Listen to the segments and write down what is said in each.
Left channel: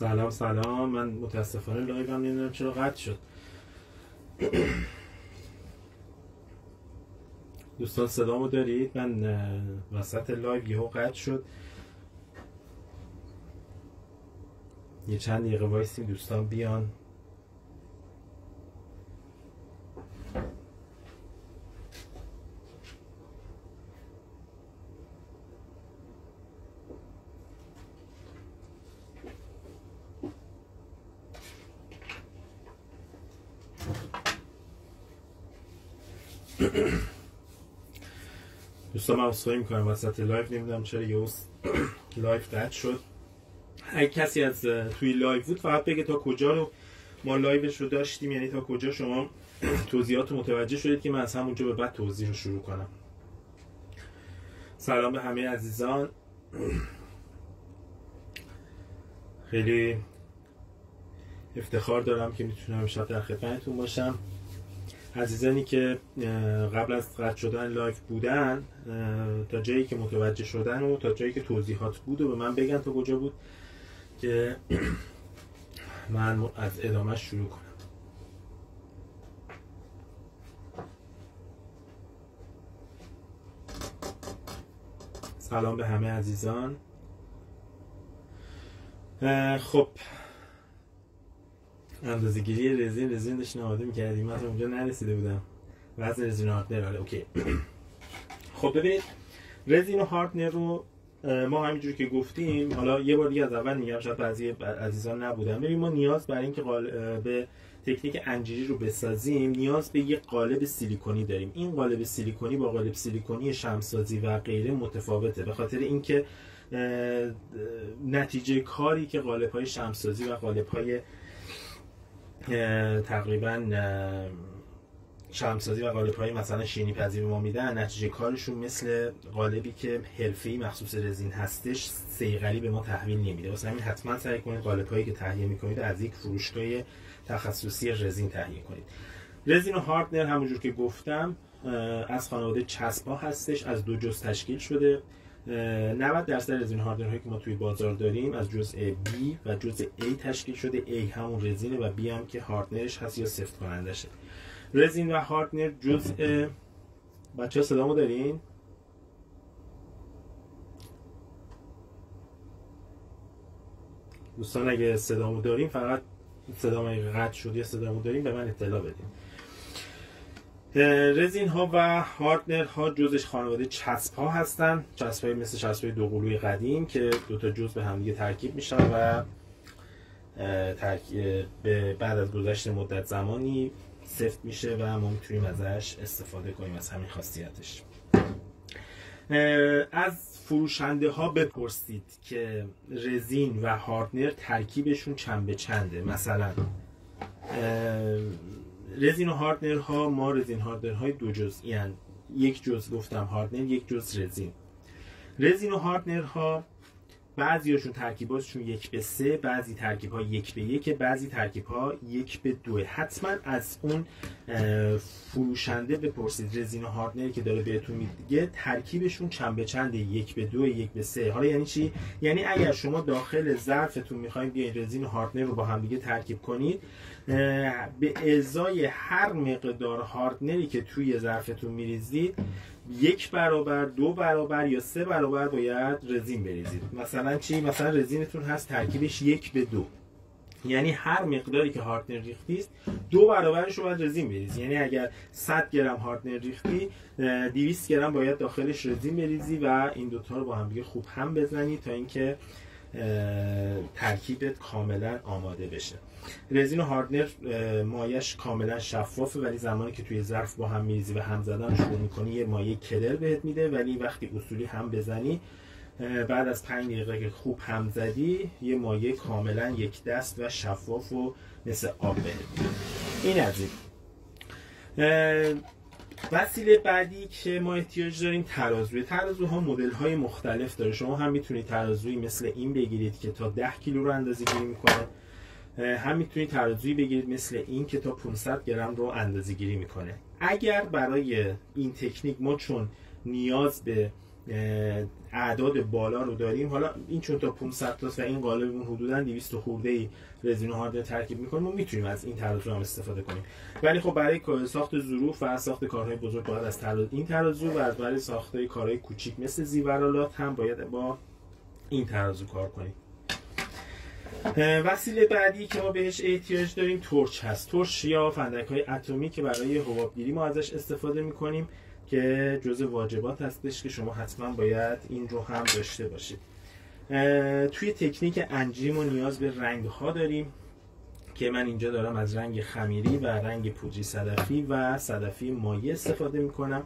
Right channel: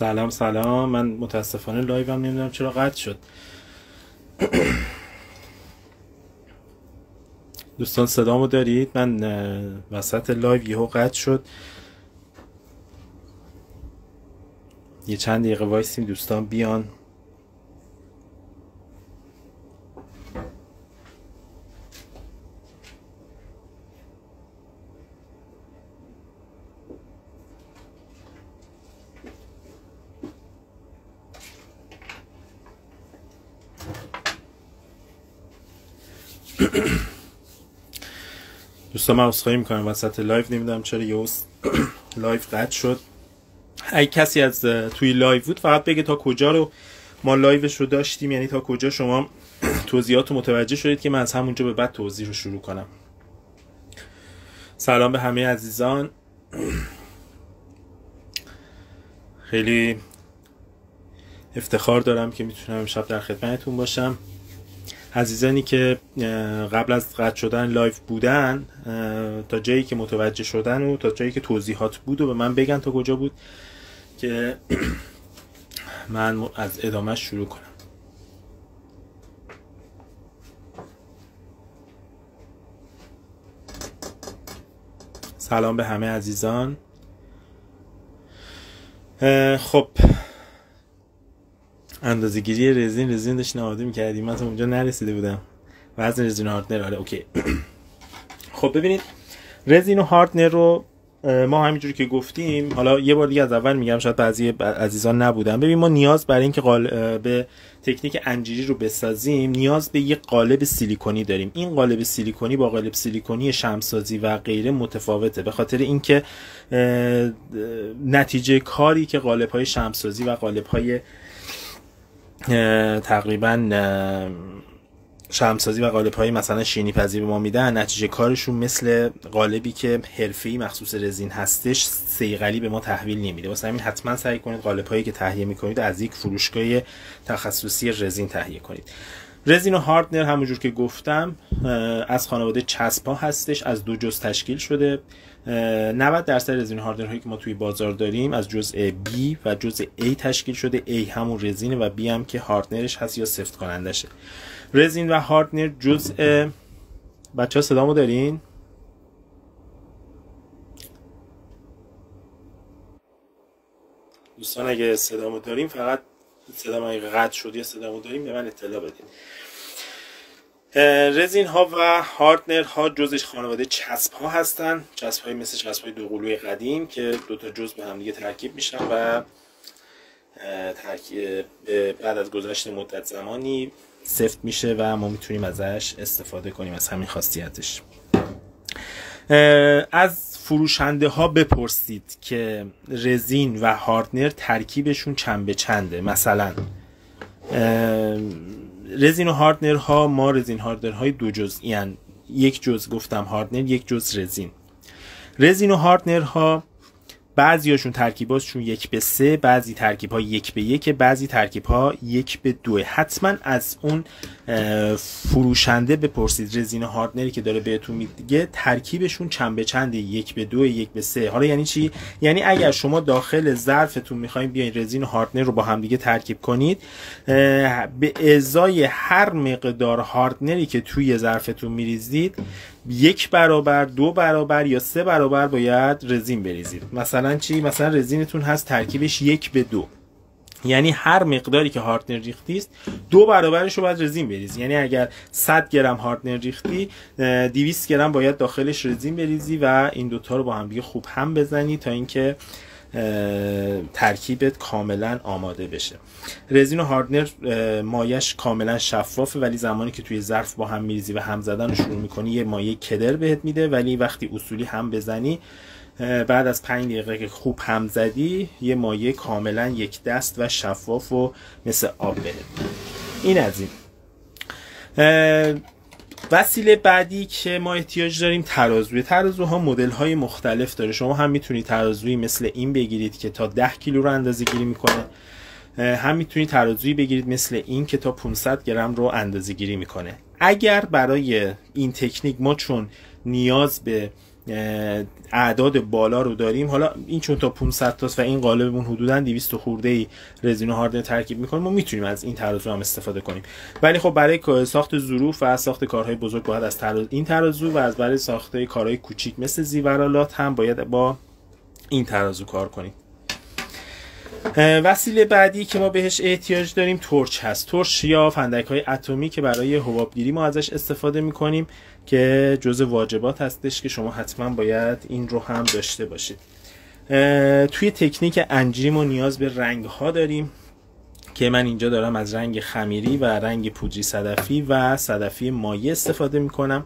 سلام. من متاسفانه لایوم نمیدونم چرا قطع شد. دوستان صدامو دارید؟ من وسط لایو یهو قطع شد. یه چند دقیقه وایسیم دوستان بیان. دوستان من عذرخواهی میکنم وسط لایو نمیدونم چرا یهو لایو قطع شد. اگه کسی از توی لایو بود فقط بگه تا کجا رو ما لایوش رو داشتیم، یعنی تا کجا شما توضیحات رو متوجه شدید که من از همونجا به بعد توضیح رو شروع کنم. سلام به همه عزیزان، خیلی افتخار دارم که میتونم امشب در خدمتتون باشم. عزیزانی که قبل از قطع شدن لایو بودن تا جایی که متوجه شدن و تا جایی که توضیحات بود و به من بگن تا کجا بود که من از ادامه شروع کنم. سلام به همه عزیزان. خب اندازه‌گیری رزین داشتین آماده می‌کردیم، من اونجا نرسیده بودم. وزن رزین هاردنر، آره اوکی. خب ببینید رزین و هاردنر رو ما همینجوری که گفتیم، حالا یه بار دیگه از اول میگم شاید بعضی عزیزان نبودن. ببین ما نیاز برای اینکه به تکنیک انجیری رو بسازیم نیاز به یه قالب سیلیکونی داریم. این قالب سیلیکونی با قالب سیلیکونی شمع‌سازی و غیره متفاوته، به خاطر اینکه نتیجه کاری که قالب‌های شمع‌سازی و قالب‌های تقریبا شمع‌سازی و قالب‌های مثلا شینی پذیر به ما میدن، نتیجه کارشون مثل قالبی که حرفه‌ای مخصوص رزین هستش صیقلی به ما تحویل نمیده. واسه همین حتما سعی کنید قالب‌هایی که تهیه می‌کنید از یک فروشگاه تخصصی رزین تهیه کنید. رزین و هاردنر همونجور که گفتم از خانواده چسب‌ها هستش، از دو جزء تشکیل شده. 90% رزین هاردنر هایی که ما توی بازار داریم از جزء B و جزء A تشکیل شده. A همون رزینه و B هم که هاردنرش هست یا سفت کنندشه. رزین و هاردنر جزء بچه‌ها صدامو دارین؟ دوستان اگه صدامو دارین فقط صدام اگه قطع شد یا صدامو دارین به من اطلاع بدین. رزین ها و هاردنر ها جزش خانواده چسب ها هستن، چسب های مثل چسب های دوقلوی قدیم که دوتا جزء به هم دیگه ترکیب میشن و بعد از گذشت مدت زمانی سفت میشه و ما میتونیم ازش استفاده کنیم، از همین خاصیتش. از فروشنده ها بپرسید که رزین و هاردنر ترکیبشون چند به چنده. مثلا رزین و هاردنر ها، ما رزین هاردنر های دو جزئی ان، یک جزء گفتم هاردنر، یک جزء رزین. رزین و هاردنر ها بعضی هاشون ترکیباشون 1:3، بعضی ترکیب ها 1:1، بعضی ترکیب ها 1:2. حتما از اون فروشنده بپرسید رزین هاردنری که داره بهتون میگه ترکیبشون چند به چنده، 1:2 1:3. حالا یعنی چی؟ یعنی اگر شما داخل ظرفتون میخواین بیاین رزین هاردنر رو با هم دیگه ترکیب کنید، به ازای هر مقدار هاردنری که توی ظرفتون میریزید 1 برابر، 2 برابر یا 3 برابر باید رزین بریزید. مثلا چی؟ مثلا رزینتون هست ترکیبش 1:2، یعنی هر مقداری که هاردنر ریختی است 2 برابرش رو باید رزین بریزی. یعنی اگر 100 گرم هاردنر ریختی 200 گرم باید داخلش رزین بریزی و این دوتا رو با هم دیگه خوب هم بزنی تا اینکه ترکیبت کاملا آماده بشه. رزین و هاردنر مایش کاملا شفافه، ولی زمانی که توی ظرف با هم میریزی و هم زدن رو شروع میکنی یه مایه کدر بهت میده، ولی وقتی اصولی هم بزنی بعد از 5 دقیقه که خوب هم زدی یه مایه کاملا یک دست و شفاف و مثل آب بهت. این از این. وسیله بعدی که ما احتیاج داریم ترازوی. ترازوها مدل های مختلف داره. شما هم میتونید ترازوی مثل این بگیرید که تا 10 کیلو رو اندازه گیری میکنه، هم میتونید ترازوی بگیرید مثل این که تا 500 گرم رو اندازه گیری میکنه. اگر برای این تکنیک ما چون نیاز به اعداد بالا رو داریم، حالا این چون تا 500 تاست و این قالبمون حدوداً 200 خورده رزین و هاردنر ترکیب می‌کنیم، ما میتونیم از این ترازو هم استفاده کنیم. ولی خب برای ساخت ظروف و ساخت کارهای بزرگ باید از این ترازو و از برای ساخت کارهای کوچیک مثل زیورالات هم باید با این ترازو کار کنیم. وسیله بعدی که ما بهش احتیاج داریم تورچ هست. تورچ یا فندک‌های اتمی که برای حبابگیری ما ازش استفاده می‌کنیم که جزء واجبات هستش که شما حتما باید این رو هم داشته باشید. توی تکنیک انجیری ما نیاز به رنگ‌ها داریم که من اینجا دارم از رنگ خمیری و رنگ پودری صدفی و صدفی مایع استفاده می‌کنم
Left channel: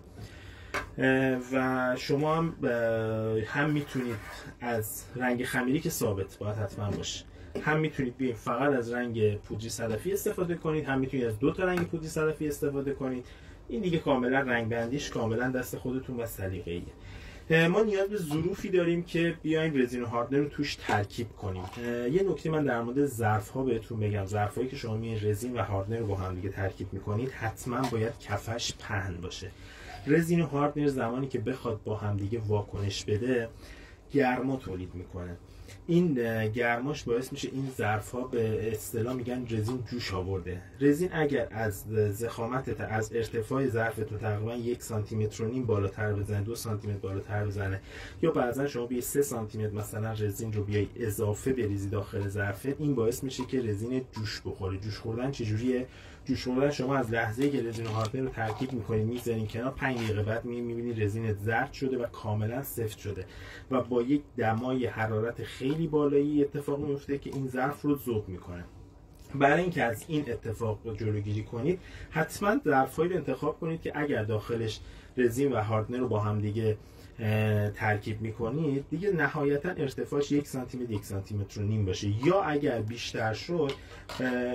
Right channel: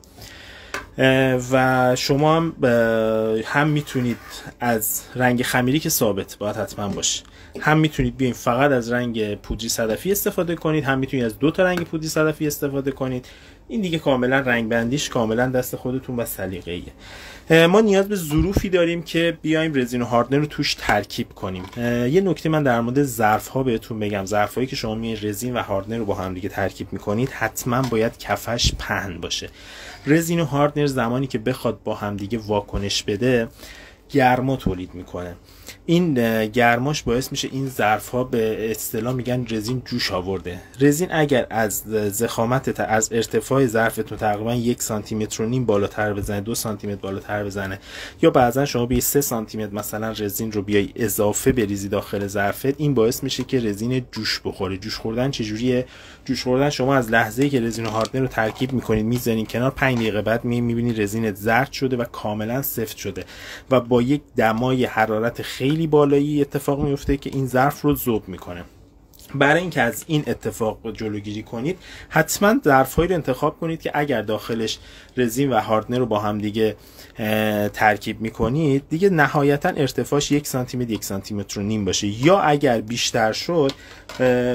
و شما هم میتونید از رنگ خمیری که ثابت باید حتما باشه، هم میتونید بیاین فقط از رنگ پودری صدفی استفاده کنید، هم میتونید از 2 تا رنگ پودری صدفی استفاده کنید. این دیگه کاملا رنگ بندیش کاملا دست خودتون و سلیقه‌ایه. ما نیاز به ظروفی داریم که بیایم رزین و هاردنر رو توش ترکیب کنیم. یه نکته من در مورد ظرف ها بهتون بگم. ظرفایی که شما میای رزین و هاردنر رو با هم دیگه ترکیب میکنید حتما باید کفش پهن باشه. رزین و هاردنر زمانی که بخواد با هم دیگه واکنش بده گرما تولید میکنه. این گرماش باعث میشه این ظرف ها به اصطلاح میگن رزین جوش آورده. رزین اگر از ضخامت از ارتفاع ظرفتون تقریبا 1 سانتی متر و نیم بالاتر بزنه، 2 سانتی متر بالاتر بزنه، یا بعضا شما به 3 سانتی متر مثلا رزین رو بیای اضافه بریزی داخل ظرفت، این باعث میشه که رزین جوش بخوره. جوش خوردن چجوریه؟ جوش خوردن شما از لحظه‌ای که رزین و هاردنر رو ترکیب میکنید میذارین کنار، 5 دقیقه بعد میبینی رزینت زرد شده و کاملا سفت شده و با یک دمای حرارت خیلی بالایی اتفاق میفته که این ظرف رو ذوب میکنه. برای اینکه از این اتفاق جلوگیری کنید حتما ظرف‌هایی رو انتخاب کنید که اگر داخلش رزین و هاردنر رو با هم دیگه ترکیب میکنید دیگه نهایتا ارتفاعش 1 سانتی متر 1 سانتی متر و نیم باشه، یا اگر بیشتر شد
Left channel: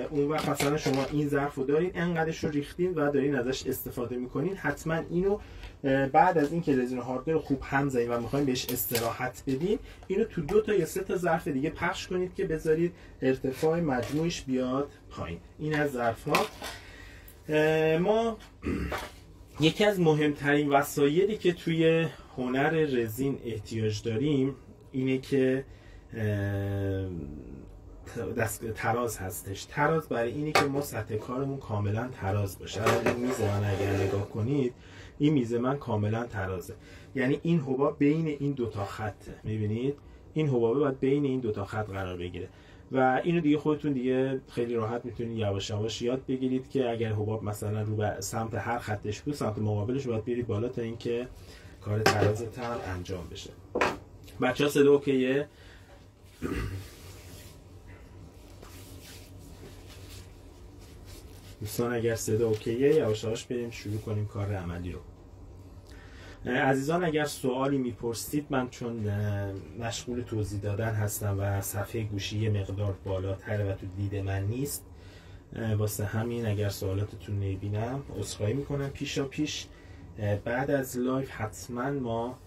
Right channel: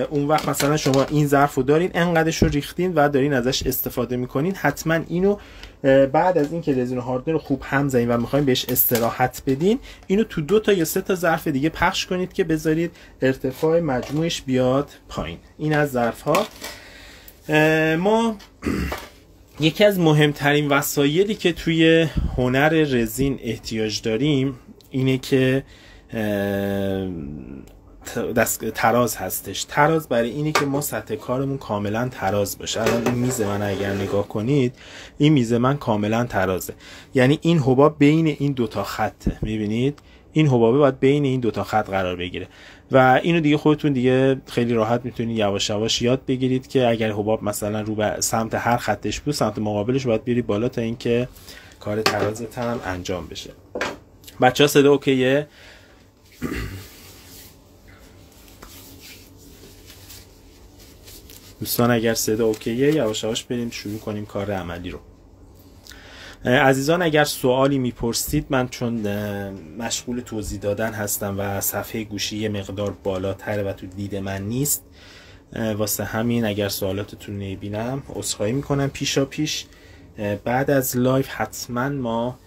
اون وقت مثلا شما این ظرف رو دارین انقدرش رو ریختین و دارین ازش استفاده میکنین، حتما اینو بعد از اینکه رزین و هاردنر رو خوب هم زدین و میخواین بهش استراحت بدین، اینو تو 2 تا یا 3 تا ظرف دیگه پخش کنید که بذارید ارتفاع مجموعش بیاد پایین. این از ظرف ها. ما یکی از مهمترین وسایلی که توی هنر رزین احتیاج داریم اینه که تراز هستش. تراز برای اینه که ما سطح کارمون کاملا تراز باشه. الان این میز من اگر نگاه کنید، این میز من کاملا ترازه، یعنی این حباب بین این 2 تا خطه. میبینید این حبابه باید بین این 2 تا خط قرار بگیره و اینو دیگه خودتون دیگه خیلی راحت میتونید یواش یواش یاد بگیرید که اگر حباب مثلا رو به سمت هر خطش بود، سمت مقابلش باید بیاری بالا تا اینکه کار ترازت هم انجام بشه. بچه‌ها صدا اوکیه؟ دوستان اگر صدا اوکیه یواش یواش بریم شروع کنیم کار عملی رو. عزیزان اگر سوالی میپرسید، من چون مشغول توضیح دادن هستم و صفحه گوشی یه مقدار بالاتره و تو دید من نیست، واسه همین اگر سوالاتتون نمیبینم عذرخواهی میکنم پیشا پیش. بعد از لایو حتما ما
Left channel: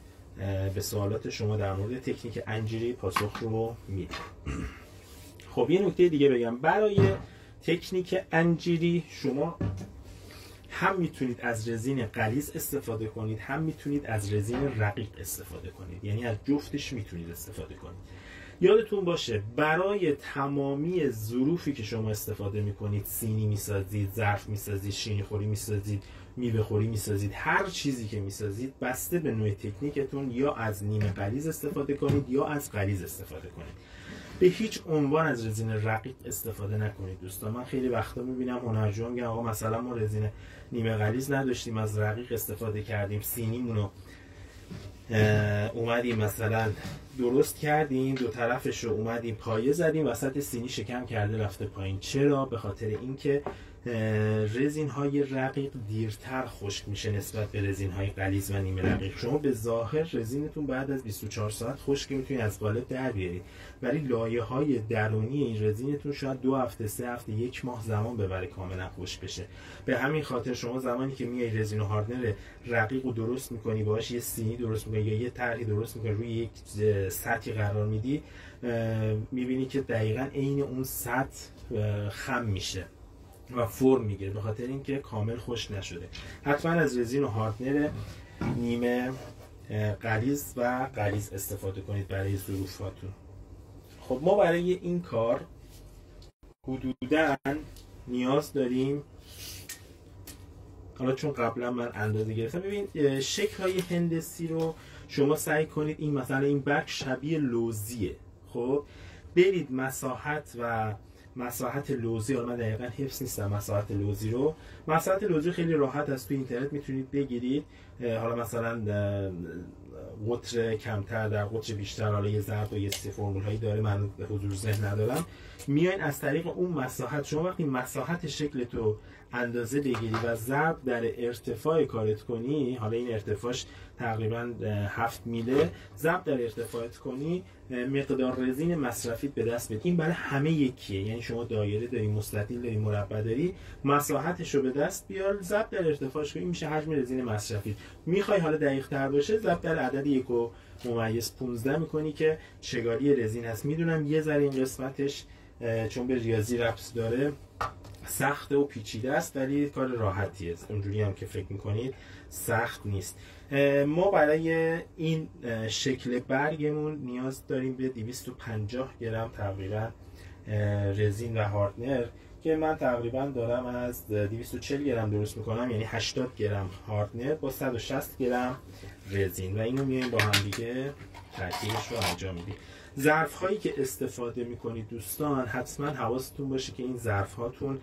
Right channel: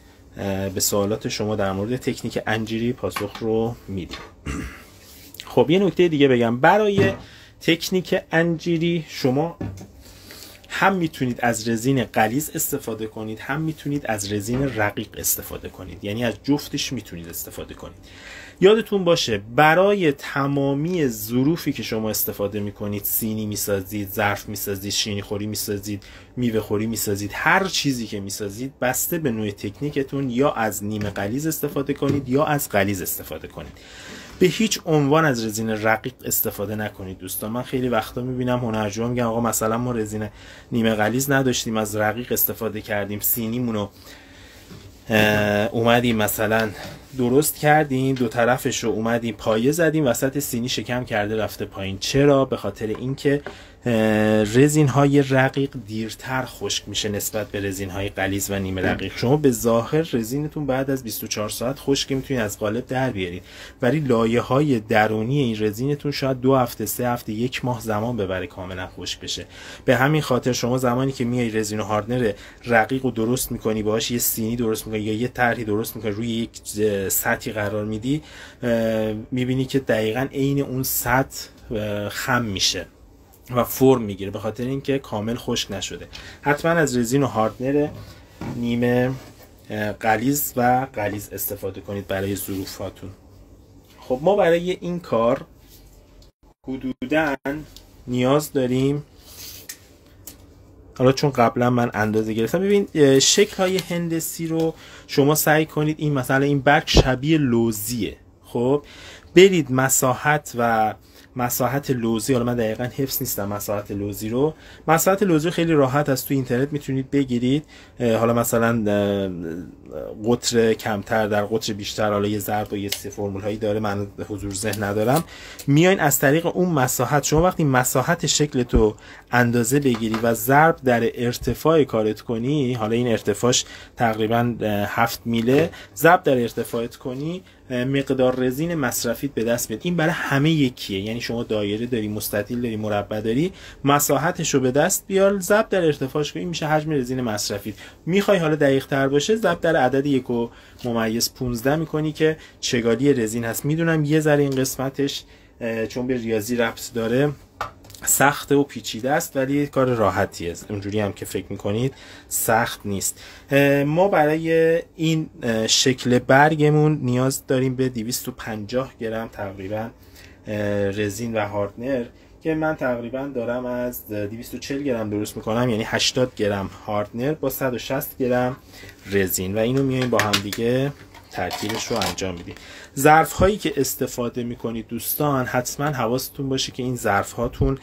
به سوالات شما در مورد تکنیک انجیری پاسخ رو میدیم. خب یه نکته دیگه بگم، برای تکنیک انجیری شما هم میتونید از رزین غلیظ استفاده کنید، هم میتونید از رزین رقیق استفاده کنید، یعنی از جفتش میتونید استفاده کنید. یادتون باشه برای تمامی ظروفی که شما استفاده میکنید، سینی میسازید، ظرف میسازید، شیرینی خوری میسازید، میوه خوری میسازید، هر چیزی که میسازید بسته به نوع تکنیکتون یا از نیمه غلیظ استفاده کنید یا از غلیظ استفاده کنید. به هیچ عنوان از رزین رقیق استفاده نکنید دوستان. من خیلی وقتا میبینم هنرجوها میگن آقا مثلا ما رزین نیمه غلیظ نداشتیم از رقیق استفاده کردیم، سینیمونو اومدیم مثلا درست کردیم، 2 طرفش رو اومدیم پایه زدیم، وسط سینی شکم کرده رفته پایین. چرا؟ به خاطر اینکه رزین های رقیق دیرتر خشک میشه نسبت به رزین های غلیظ و نیمه رقیق. شما به ظاهر رزینتون بعد از 24 ساعت خشک میتونید از قالب در بیارید، ولی لایه های درونی این رزینتون شاید 2 هفته 3 هفته 1 ماه زمان ببره کاملا خشک بشه. به همین خاطر شما زمانی که میای رزین و هاردنر رقیق رو درست میکنی، باهاش یه سینی درست میکنی یا یه طرحی درست میکنی، روی یک سطحی قرار میدی، میبینی که دقیقاً عین اون سطح خم میشه و فرم میگیره، به خاطر اینکه کامل خشک نشده. حتما از رزین و هاردنر نیمه غلیظ و غلیظ استفاده کنید برای ظروفاتون. خب ما برای این کار حدوداً نیاز داریم، حالا چون قبلا من اندازه گرفتم، ببین شکل های هندسی رو شما سعی کنید این مثلا این برگ شبیه لوزیه، خب برید مساحت لوزی، حالا من دقیقا حفظ نیستم مساحت لوزی رو، مساحت لوزی خیلی راحت از توی اینترنت میتونید بگیرید، حالا مثلا قطر کمتر در قطر بیشتر، حالا یه ضرب و یه فرمول هایی داره من حضور ذهن ندارم، میاین از طریق اون مساحت، شما وقتی مساحت شکل تو اندازه بگیری و ضرب در ارتفاع کارت کنی، حالا این ارتفاعش تقریبا 7 میله، ضرب در ارتفاعت کنی، مقدار رزین مصرفیت به دست میاد. این برای همه یکیه، یعنی شما دایره داری، مستطیل داری، مربع داری، مساحتش رو به دست بیار، ضرب در ارتفاعش کن، این میشه حجم رزین مصرفیت. میخوای حالا دقیق تر باشه، ضرب در عدد 1.15 میکنی که چگالی رزین هست. میدونم یه ذره این قسمتش چون به ریاضی ربط داره سخت و پیچیده است، ولی کار راحتیه، اونجوری هم که فکر میکنید سخت نیست. ما برای این شکل برگمون نیاز داریم به 250 گرم تقریبا رزین و هاردنر که من تقریبا دارم از 240 گرم درست میکنم، یعنی 80 گرم هاردنر با 160 گرم رزین و اینو میایم با هم دیگه ترکیبش رو انجام میدیم. ظرف هایی که استفاده میکنید دوستان، حتما حواستون باشه که این ظرف هاتون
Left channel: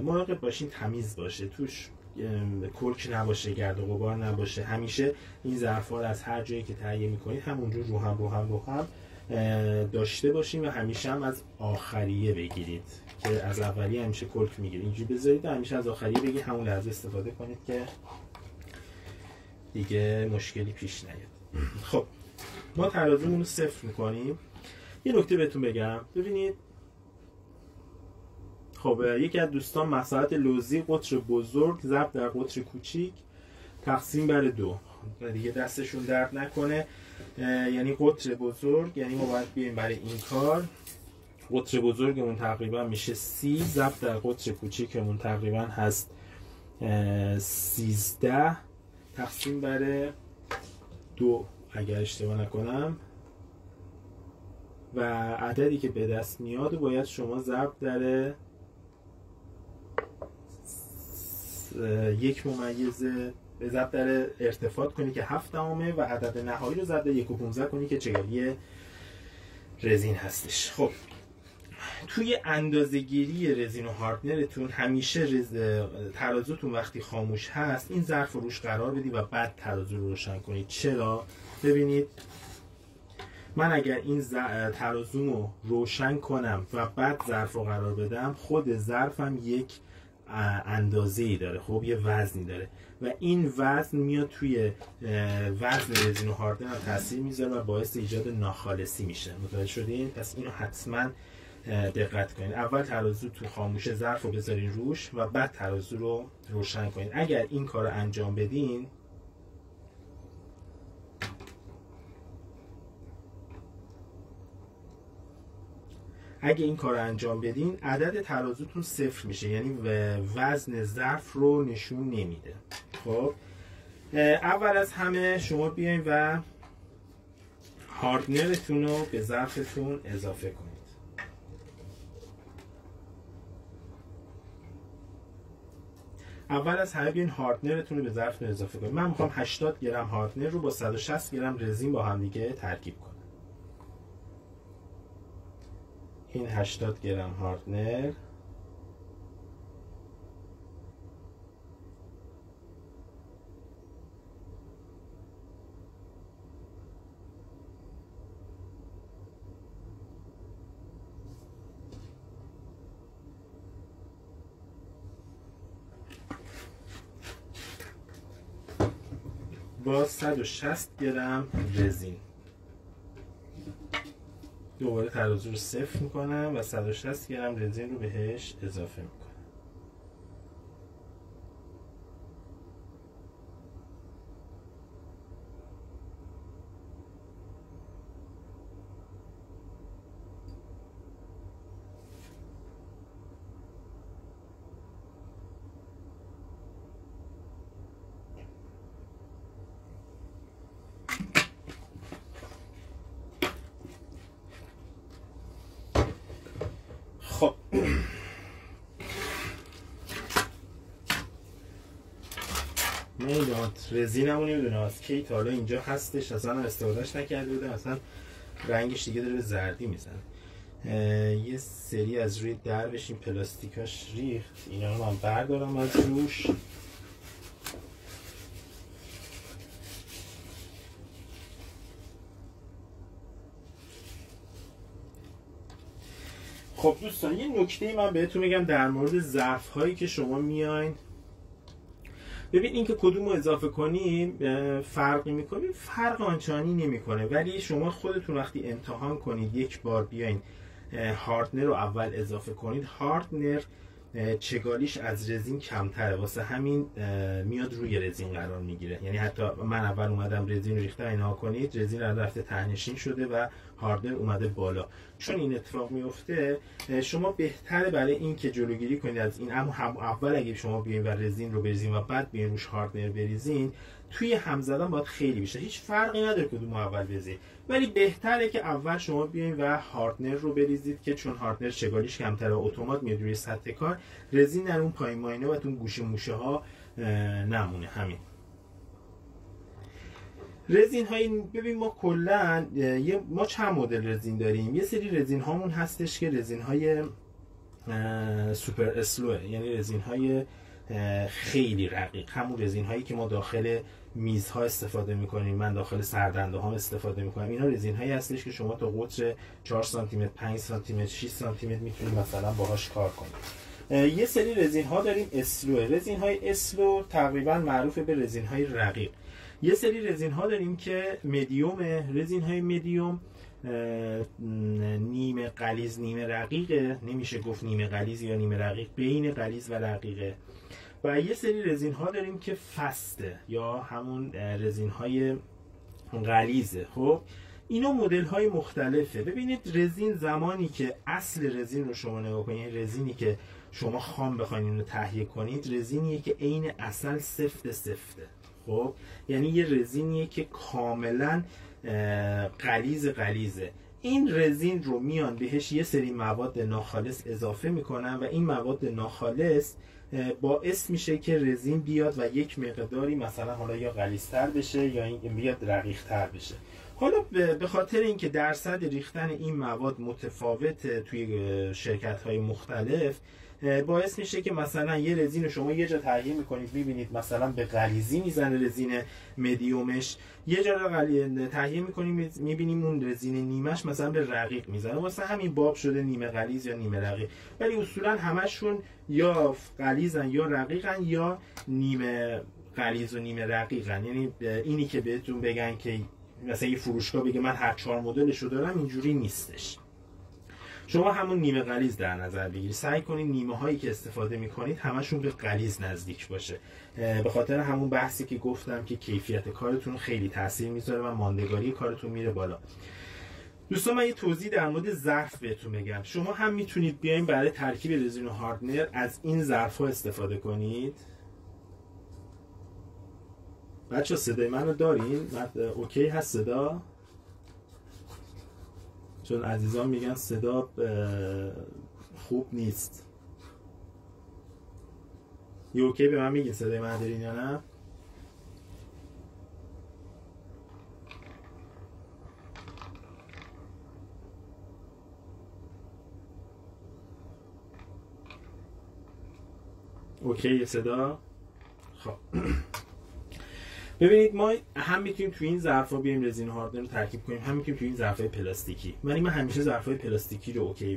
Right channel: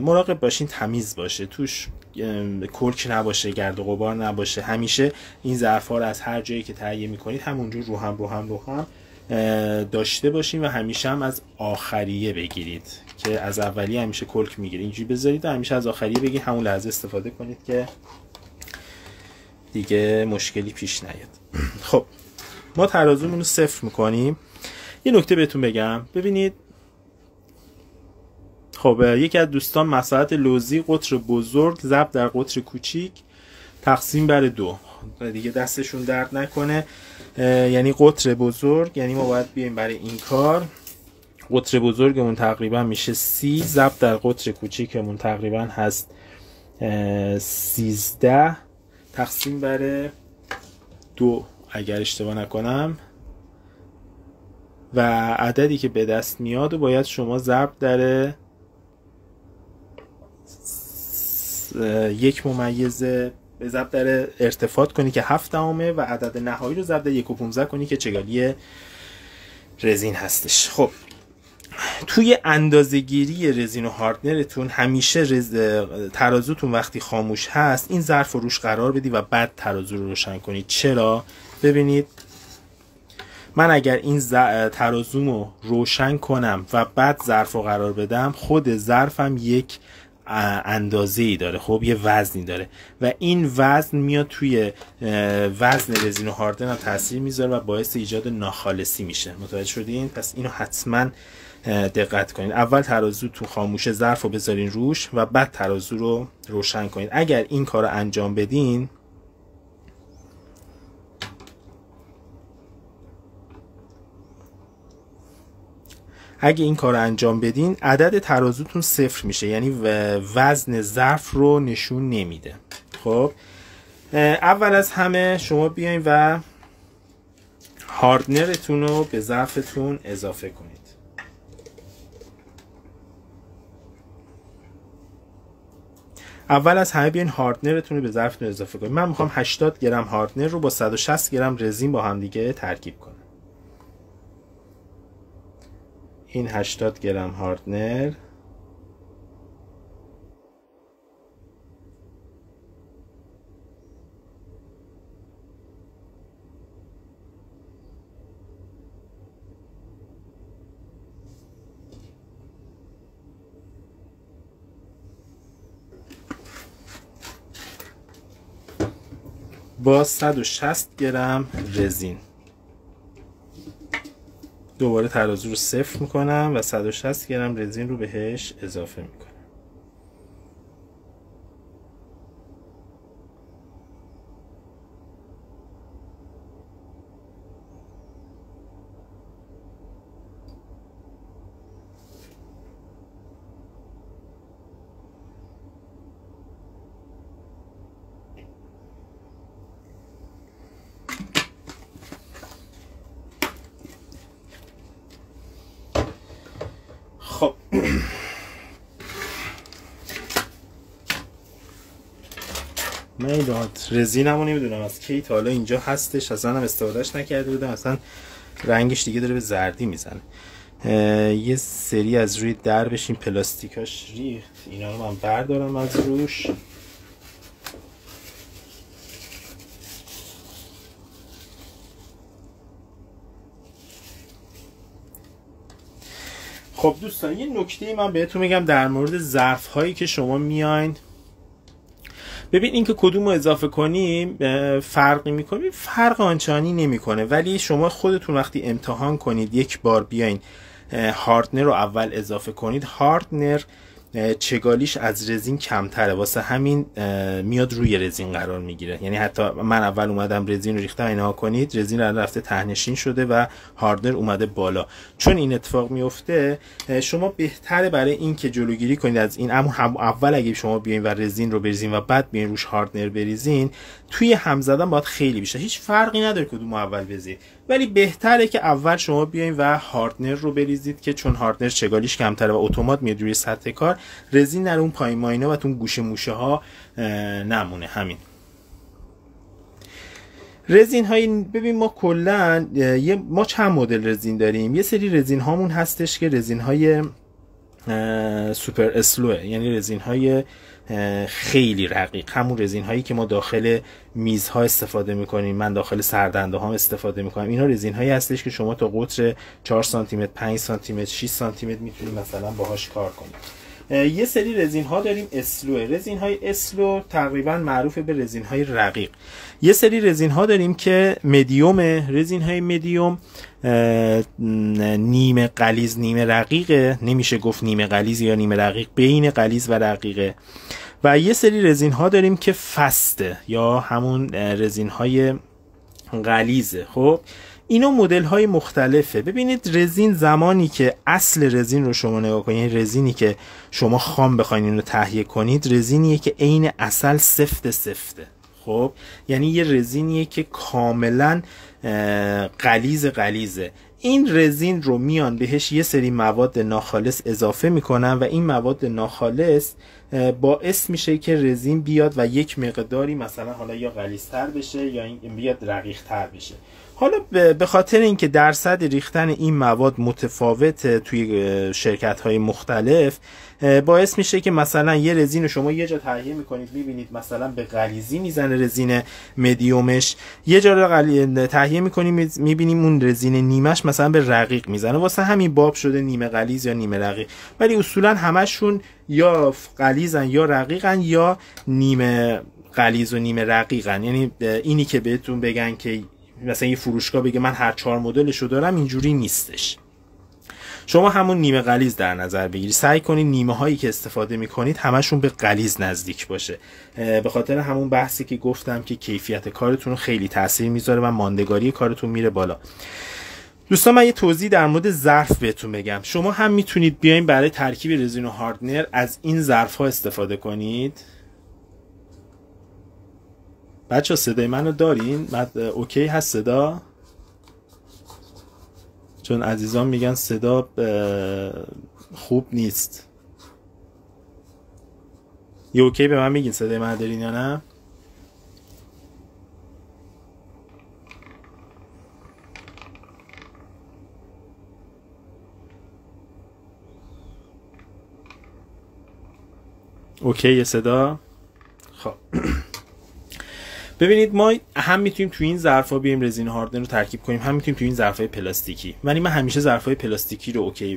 مراقب باشین تمیز باشه، توش کلک نباشه، گرد و غبار نباشه. همیشه این ظرف ها رو از هر جایی که تهیه میکنید همونجور رو هم داشته باشین و همیشه هم از آخریه بگیرید، که از اولیه همیشه کلک میگیرید اینجوری بذارید و همیشه از آخریه بگید، همون لحظه استفاده کنید که دیگه مشکلی پیش نیاد. خب ما ترازومون رو صفر میکنیم. یه نکته بهتون بگم، ببینید خب یکی از دوستان مساحت لوزی قطر بزرگ ضرب در قطر کوچیک تقسیم بر 2، دیگه دستشون درد نکنه، یعنی قطر بزرگ، یعنی ما باید بیایم برای این کار قطر بزرگمون تقریبا میشه 30 ضرب در قطر کوچیکمون تقریبا هست 13 تقسیم بر 2 اگر اشتباه نکنم، و عددی که به دست میاد و باید شما ضرب در 1 ممیز ضرب در ارتفاع کنی که 7 دهمه و عدد نهایی رو ضرب در 1.15 کنی که چگالی رزین هستش. خب توی اندازه‌گیری رزین و هاردنرتون همیشه ترازوتون وقتی خاموش هست این ظرف رو روش قرار بدی و بعد ترازو رو روشن کنید. چرا؟ ببینید من اگر این ترازومو روشن کنم و بعد ظرف رو قرار بدم، خود ظرفم یک اندازه‌ای داره، خب یه وزنی داره و این وزن میاد توی وزن رزین و هاردن هم تاثیر میذاره و باعث ایجاد ناخالصی میشه. متوجه شدین؟ پس اینو حتما دقت کنید. اول ترازو تو خاموشه ظرف رو بذارین روش و بعد ترازو رو روشن کنید. اگر این کار رو انجام بدین عدد ترازوتون صفر میشه، یعنی وزن ظرف رو نشون نمیده. خب اول از همه شما بیاین و هاردنرتون رو به ظرفتون اضافه کنید. اول از همه بیاین هاردنرتون رو به ظرفتون اضافه کنید. من میخوام 80 گرم هاردنر رو با 160 گرم رزین با هم دیگه ترکیب کنم. این 80 گرم هاردنر با 160 گرم رزین دوباره ترازو رو صفر میکنم و 160 گرم رزین رو بهش اضافه میکنم. خب من این رزینمو نمیدونم از کی تا حالا اینجا هستش، اصلا هم استفادهش نکرده بودم، اصلا رنگش دیگه داره به زردی میزنه. یه سری از روی دربش این پلاستیکاش ریخت، اینا رو من بردارم از روش. خب دوستان یه نکته من بهتون میگم در مورد ظرف هایی که شما میاین، ببین این که کدوم رو اضافه کنیم فرقی میکنه، فرق آنچنانی نمیکنه، ولی شما خودتون وقتی امتحان کنید یک بار بیاین هاردنر رو اول اضافه کنید، هاردنر چگالیش از رزین کمتره، واسه همین میاد روی رزین قرار میگیره. یعنی حتی من اول اومدم رزین رو ریختم، اینها کنید رزین رو رفته تهنشین شده و هاردنر اومده بالا. چون این اتفاق میفته شما بهتره برای این که جلوگیری کنید از این، اول اگه شما بیاین و رزین رو بریزین و بعد بیاین روش هاردنر بریزین، توی هم زدن باید خیلی بیشتر، هیچ فرقی نداره کدوم اول بزنید، ولی بهتره که اول شما بیاین و هاردنر رو بریزید که چون هاردنر چگالیش کمتره و اتومات میاد روی سطح کار، رزین نره اون پایین ماینا و اون گوشه موشه ها نمونه. همین رزین های ببین ما کلا ما چند مدل رزین داریم. یه سری رزین هامون هستش که رزین های سوپر اسلوه، یعنی رزین های خیلی رقیق، همون رزین هایی که ما داخل میزها استفاده میکنیم، من داخل سردنده ها استفاده میکنم. اینا رزین هایی هستش که شما تا قطر 4 سانتی متر، 5 سانتی متر، 6 سانتی متر میتونید مثلا باهاش کار کنید. یه سری رزین ها داریم اسلو، رزین های اسلو تقریبا معروفه به رزین های رقیق. یه سری رزین ها داریم که مدیوم، رزین های مدیوم نیمه غلیظ نیمه رقیقه، نمیشه گفت نیمه غلیظ یا نیمه رقیق، بین غلیظ و رقیقه. و یه سری رزین ها داریم که فسته یا همون رزین های غلیظه. خب اینا مدل های مختلفه. ببینید رزین زمانی که اصل رزین رو شما نگاه کنید، یعنی رزینی که شما خام بخواید اینو تهیه کنید، رزینیه که عین اصل سفته. خب یعنی یه رزینیه که کاملا غلیظه. این رزین رو میان بهش یه سری مواد ناخالص اضافه میکنن و این مواد ناخالص باعث میشه که رزین بیاد و یک مقداری مثلا حالا یا غلیظ‌تر بشه یا این بیاد رقیق‌تر بشه. حالا به خاطر اینکه درصد ریختن این مواد متفاوته توی شرکت‌های مختلف، باعث میشه که مثلا یه رزین رو شما یه جا تهیه میکنید میبینید مثلا به غلیظی میزنه رزین مدیومش، یه جا رو تهیه میکنیم میبینیم اون رزین نیمش مثلا به رقیق میزنه، واسه همین باب شده نیمه غلیظ یا نیمه رقیق. ولی اصولا همشون یا غلیظن یا رقیقن یا نیمه غلیظ و نیمه رقیقن. یعنی اینی که بهتون بگن که مثلا یه فروشگاه بگه من هر 4 مدلشو دارم، اینجوری نیستش. شما همون نیمه غلیظ در نظر بگیرید، سعی کنید نیمه هایی که استفاده میکنید همشون به غلیظ نزدیک باشه، به خاطر همون بحثی که گفتم که کیفیت کارتون رو خیلی تاثیر میذاره و ماندگاری کارتون میره بالا. دوستان من یه توضیح در مورد ظرف بهتون بگم. شما هم میتونید بیاین برای ترکیب رزین و هاردنر از این ظرف ها استفاده کنید. بچه صدای منو دارین؟ اوکی هست صدا؟ چون عزیزان میگن صدا خوب نیست. یه اوکی به من میگین صدای من دارین یا نه؟ اوکی یه صدا؟ خب ببینید ما هم میتونیم تو این ظرفا بیایم رزین هاردنر رو ترکیب کنیم، هم میتونیم تو این ظرفای پلاستیکی. ولی من همیشه ظرفای پلاستیکی رو اوکی